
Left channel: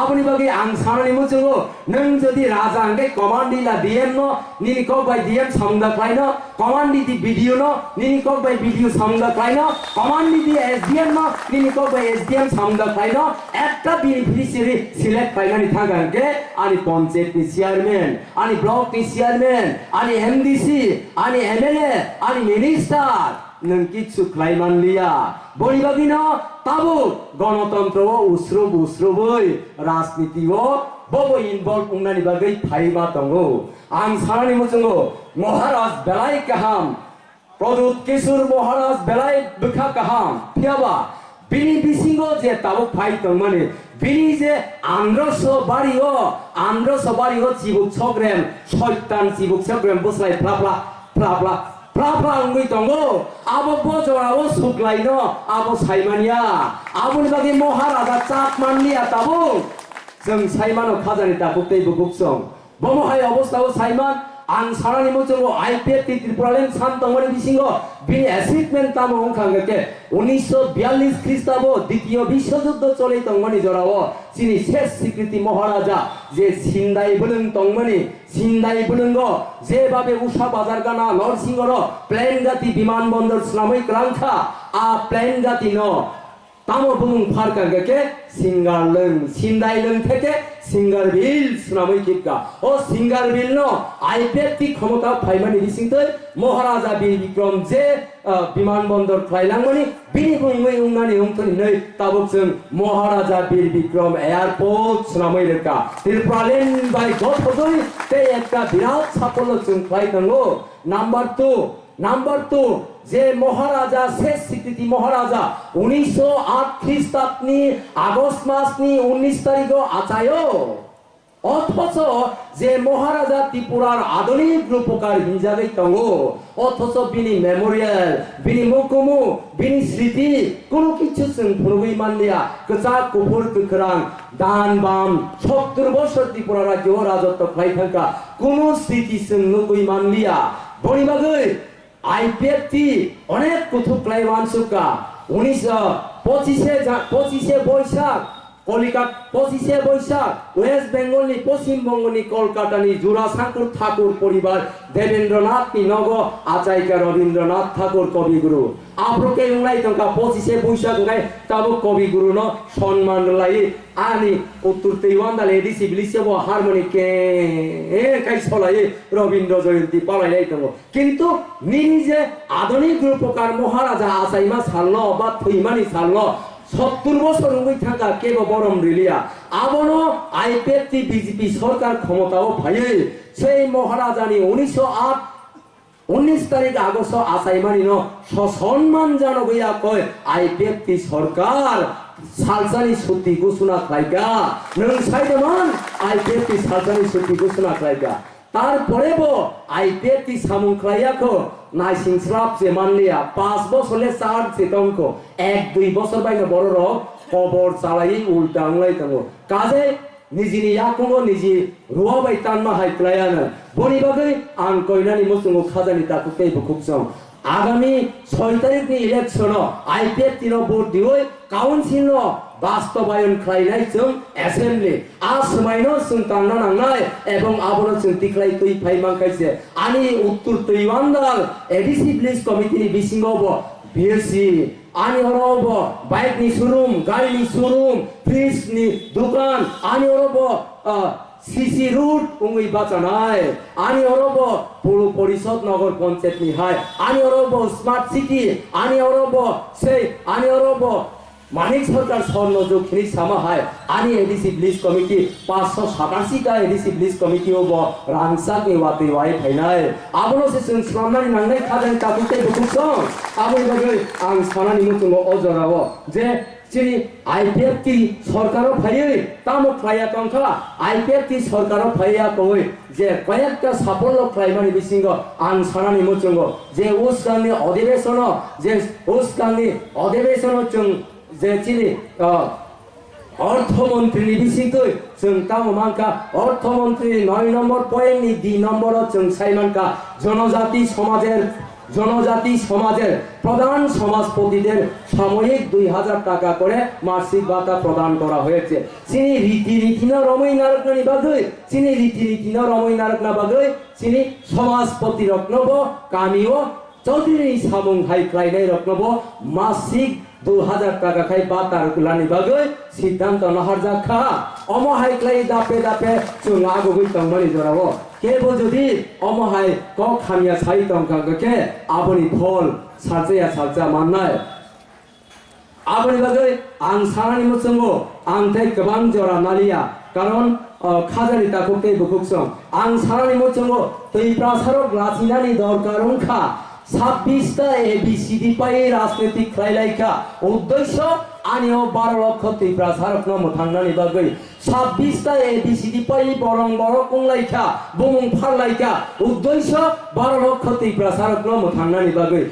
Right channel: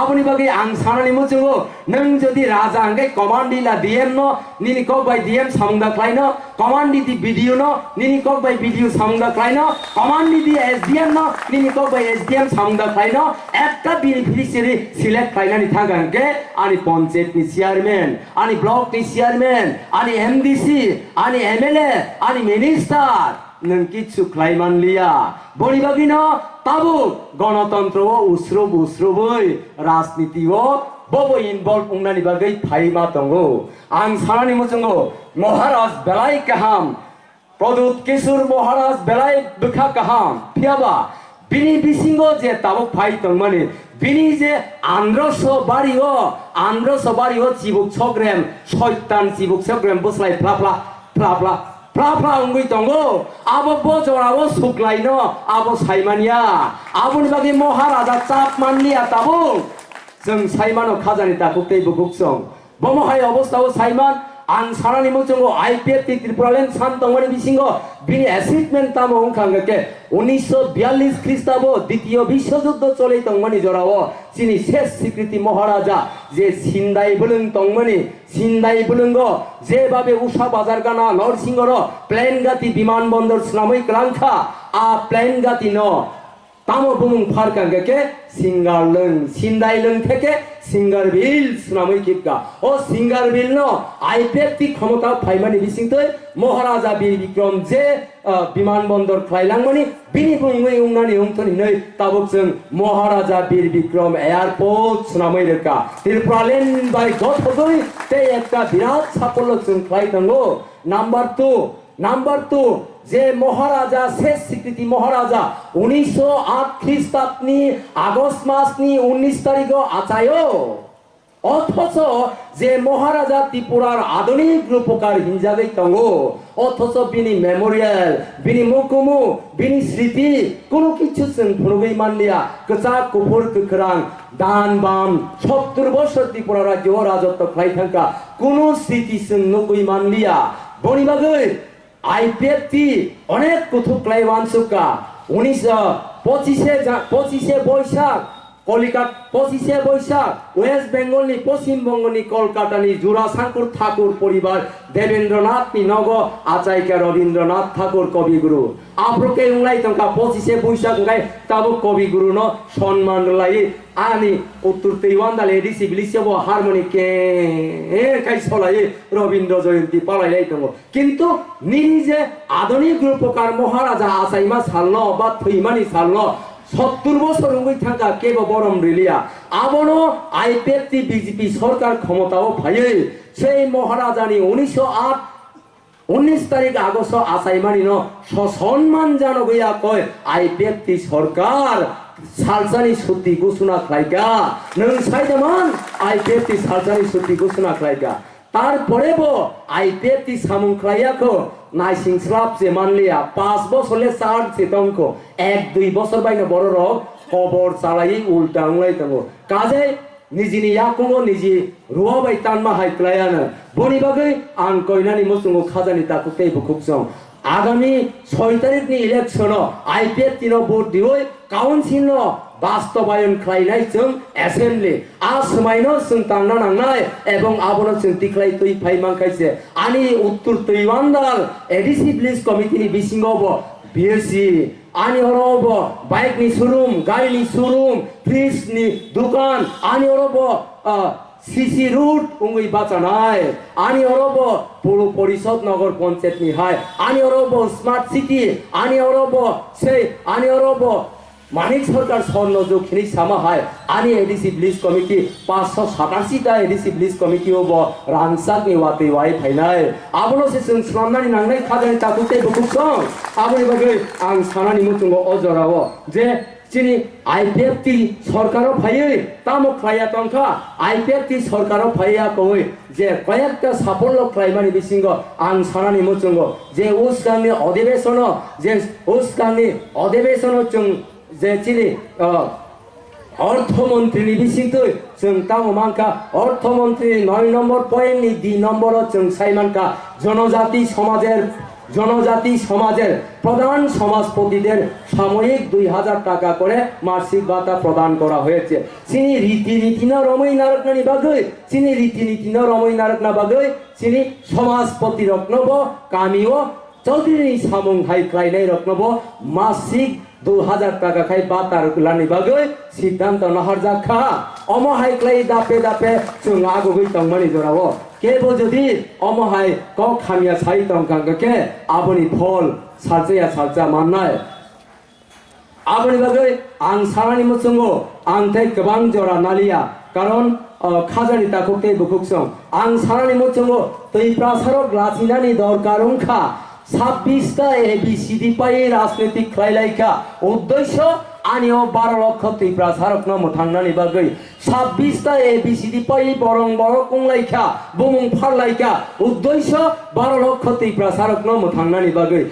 আপনি বাকি আং সানানি মুচুগো নং যদি রাজা আঙ্গে কমান্ডিলা ডিএম ন নিনি কক বাই ডিএম সামদা ক্লাইন কমান্ডি দি ভিডিও ন নিনি কক বাই ভিডিও সামদা ক্লাইন কমান্ডি দি এসডিএম ন নিনি কক বাই এসডিএম সামদা একটা বেনিফিশিয়ারি সিলেক্ট ফাইনালি থাকাঙ্কে আনি পঞ্চায়েত নি চেয়ারম্যান আনি ব্লক নি চেয়ারম্যান আনি এমডিসি আনি এমএলএ আনি মিনিস্টার নং কিছু ক্লাইমান লিয়া বনিবাগি ন তাবু গণতন্ত্র ও উসরবই রাজনীতি ও ববো ইনভলভ উংনানি বাগৈ ফাইমা তঙ্গো আং সানানি মুচঙ্গো মহারাজ বেলাই কাহাম প্রদূত কিশোর মহারাজ বেলাই বিখা কাহাম ফিয়াবা বিনি বিসিঙ্গ যে তাবুক ফাই তংমানে বিনি যে আন্দ্রস বাড়িও চিবুক ছগ্রেম শয়তান চিবুক ছগ্রেম বসলাই ফ্লাফলা অঙ্গই তঙ্গো আবো বজরাও সুকলাইন আবো সাইমানিয়া আবুনি বাকি মহারাজা চাপ মানলিয়া তাবু जों साइमानो खाजानि ताकुतै बुकुकसं बमहाय अवस्थाओ साइमान आं सानानि मुचंगो आईपीएफ त्रिपुरालेन सानतंगनि बिसिंगो बिनि अचिभमेन्ट तामो हुंखांगके 1942 খ্রিস্টাব্দ দ্বিতীয় বিশ্বযুদ্ধ চলে তংমনি জরাও চিনি শেষ স্বীকৃতি মহারাজা যে সিন্দাই বলুঙ্গ যেভাবে উষা বাজার গানা নরসিংহর প্লেনগাতি বিমানবন্দর স্নামই ক্লাংখা আ প্লেনগাতি ন তামো বুমুং ফারকাঙ্গকে সিন্দাইলং থেকে সিঙ্গারবিল সুনামই কিপকা ও সিঙ্গারবিল ন আইপিএফটি ক্ষমতা ফাইমানি বিসিংতৈ মহারাজা বীর বিক্রম যে বিমানবন্দর খাইলাংমনি বিনি বুংমৈ উংনানি উংথনি नै তাবুক जों মহারাজা বীর বিক্রম এয়ারপোর্ট সুনামই রেখা ত্রিপুরালেন বাই গতগৈ তে একটা বিরাট সাফল্য जों খাইতাঙ্গো নাম্বার 2 যে মহারাজা শেষ স্বীকৃতি মহারাজা 1908 খ্রিস্টাব্দনি আগস্ট মাসনি 19 তারিখ আচায়ো অথচ যে মহারাজা ত্রিপুরার আধুনিক রূপকার হিনজাগৈ তঙ্গো অথচ বিনি মেমোরিয়াল বিনি মুকুমু বিনি স্মৃতি কোনো কিছু जों ফুনগৈ মানলিয়া কচা কুপুর কুকরাং দান বাম 70 বছর ত্রিপুরা রাজ্য রাজত্ব খাই থাকা কোনো স্মৃতি जों নগৈ মানলিয়া বনিবাগৈ আইপিএফটি অনেক কুথুক ক্লাইবান সুকা 25 বৈশাখ কলিকাতা 25 বৈশাখ ওয়েস্ট বেঙ্গলনি পশ্চিমবঙ্গনি কলকাতানি জোড়াসাঁকুর ঠাকুর পরিবার দেবেন্দ্রনাথ নগ আচাইকা রবীন্দ্রনাথ ঠাকুর কবিগুরু আপ্রকে উংলাই তঙ্কা 25 বৈশাখ গাই তাবো কবিগুরু ন সম্মান লাই আনি উত্তর তেইওয়ান্দালে এডিসি বিলিসেবো হারমোনি কে কাই ছলাই রবীন্দ্র জয়ন্তী পালাই তঙ্গ কিন্তু নিনি যে আধুনিক রূপকার মহারাজা আচাইমা সালন বা থৈমানি সালন 70 বছর উঙ্গই থাকা কেব বরম রিলিয়া আবনো আইপিএফটি বিজেপি সরকার ক্ষমতাও ভাইয়ে সেই মহারাজানি 19 তারিখ আগস্ট আসাইমানি ন সসম্মান জানো গইয়া কয় আইপিএফটি সরকার সালসানি ছুটি ঘোষণা খাইগা নং সাইদমান আইপিএফটি সালসানি ছুটি ঘোষণা খাইগা তারপরে বো আইপিএফটি সামুং খাইয়াকো নাইসিং স্লাব যে মানলিয়া 5 বছরে 60 চেতঙ্ক 1-2 বছর বাইনা বড় রক খবর চালাই উল্টা উলাই তাঙ্গো কাজে নিজিনি ইয়াকুঙ্গো নিজি রুয়া বাই তানমা হাইক্লায়ানা বনি বাগৈ আং কইনানি মুসুঙ্গো খাজানি তাকুতেই বুকুকসং আগামী 6 তারিখনি ইলেকশন আইপিএফ তিনো ভোট দিওই কাউন্সিল বাস্তবায়ন খাইনাই जों অ্যাসেম্বলি আসমাইনো जों তাंना नांनाय এবং আবনো जों তিख्लाय তুই ফাইমাं খাইছে আনি উত্তর তৈওয়ান্দাল এডিসি প্লিজ কমিটিনি বিসিঙ্গব বিএসসি आनी हरब बाइक नि शोरूम गाड़ी नि शोरूम फ्रिज नि दुकान आनी हरब सीसी रूट उंगई बाचानाय आनी हरब पौर परिषद नगर पंचायत नि हाय आनी हरब स्मार्ट सिटी आनी हरब से आनी हरब मानिक सरकार स्वर्ण जोखिनी सामा हाय आनी एडिसि ब्लिज कमिटी 587 टा एडिसि ब्लिज कमिटी हब रांसा के वाते वाय फाइनाय आबनो से जों स्लामनानि नांनाय खाजानि ताकुते बुकुसं आबनि बागै आं सानानि मुथुंगो अजराव जे चिनि आईपीएफटी सरकार फायै तामो फ्लाया तंखा आईपीएफटी सरकार फाया कय जे कयेकटा साफल्य फ्लाइमानि बिसिंग आं सानानि मुथुंगो जे उस्कानि अधिवेशन जे उस्कानि अधिवेशन जों जे चिनि अर्थमंत्री बिसिंग जों तामो मानका अर्थमंत्री 9 नम्बर पॉइंट नि 2 नम्बर जों साइमानका জনজাতি সমাজের প্রধান সমাজপতিদের সাময়িক 2000 টাকা করে মাসিক ভাতা প্রদান করা হয়েছে চিনি রীতি না রমই নারকনানি বাগৈ চিনি রীতি না রমই নারকনা বাগৈ চিনি সমাজপতি রত্নব কামিও চৌধুরী সামুং হাই ক্লাইনাই রত্নব মাসিক 2000 টাকা খাই বাতার কুলানি বাগৈ সিদ্ধান্ত নাহার জাখা অমহাই ক্লাই দাপে দাপে जों আগগৈ তংমানি জরাও केबो जदि अमहाय क खामिया साइ तंकांगके आबनि फल सारजया सारजा माननाय आबनि बागै आं सानानि मुसुंगो आं थाय गोबां जरा नालिया कारण खाजानि ताकुते बुकुकसं आं सानानि मुसुंगो तै प्रासारक लाचिनानि दरकारंखा 26 टा एबीसीडी पाइ राजनीतिक खायलायखा उद्देश्य आनियो 12 लक्ष तै प्रासारक न मुथांनानि बागै 26 टा एबीसीडी पाइ बरं बर कुंलायखा बुमुं फारलायखा उद्देश्य 12 लक्ष तै प्रासारक न मुथांनानि बागै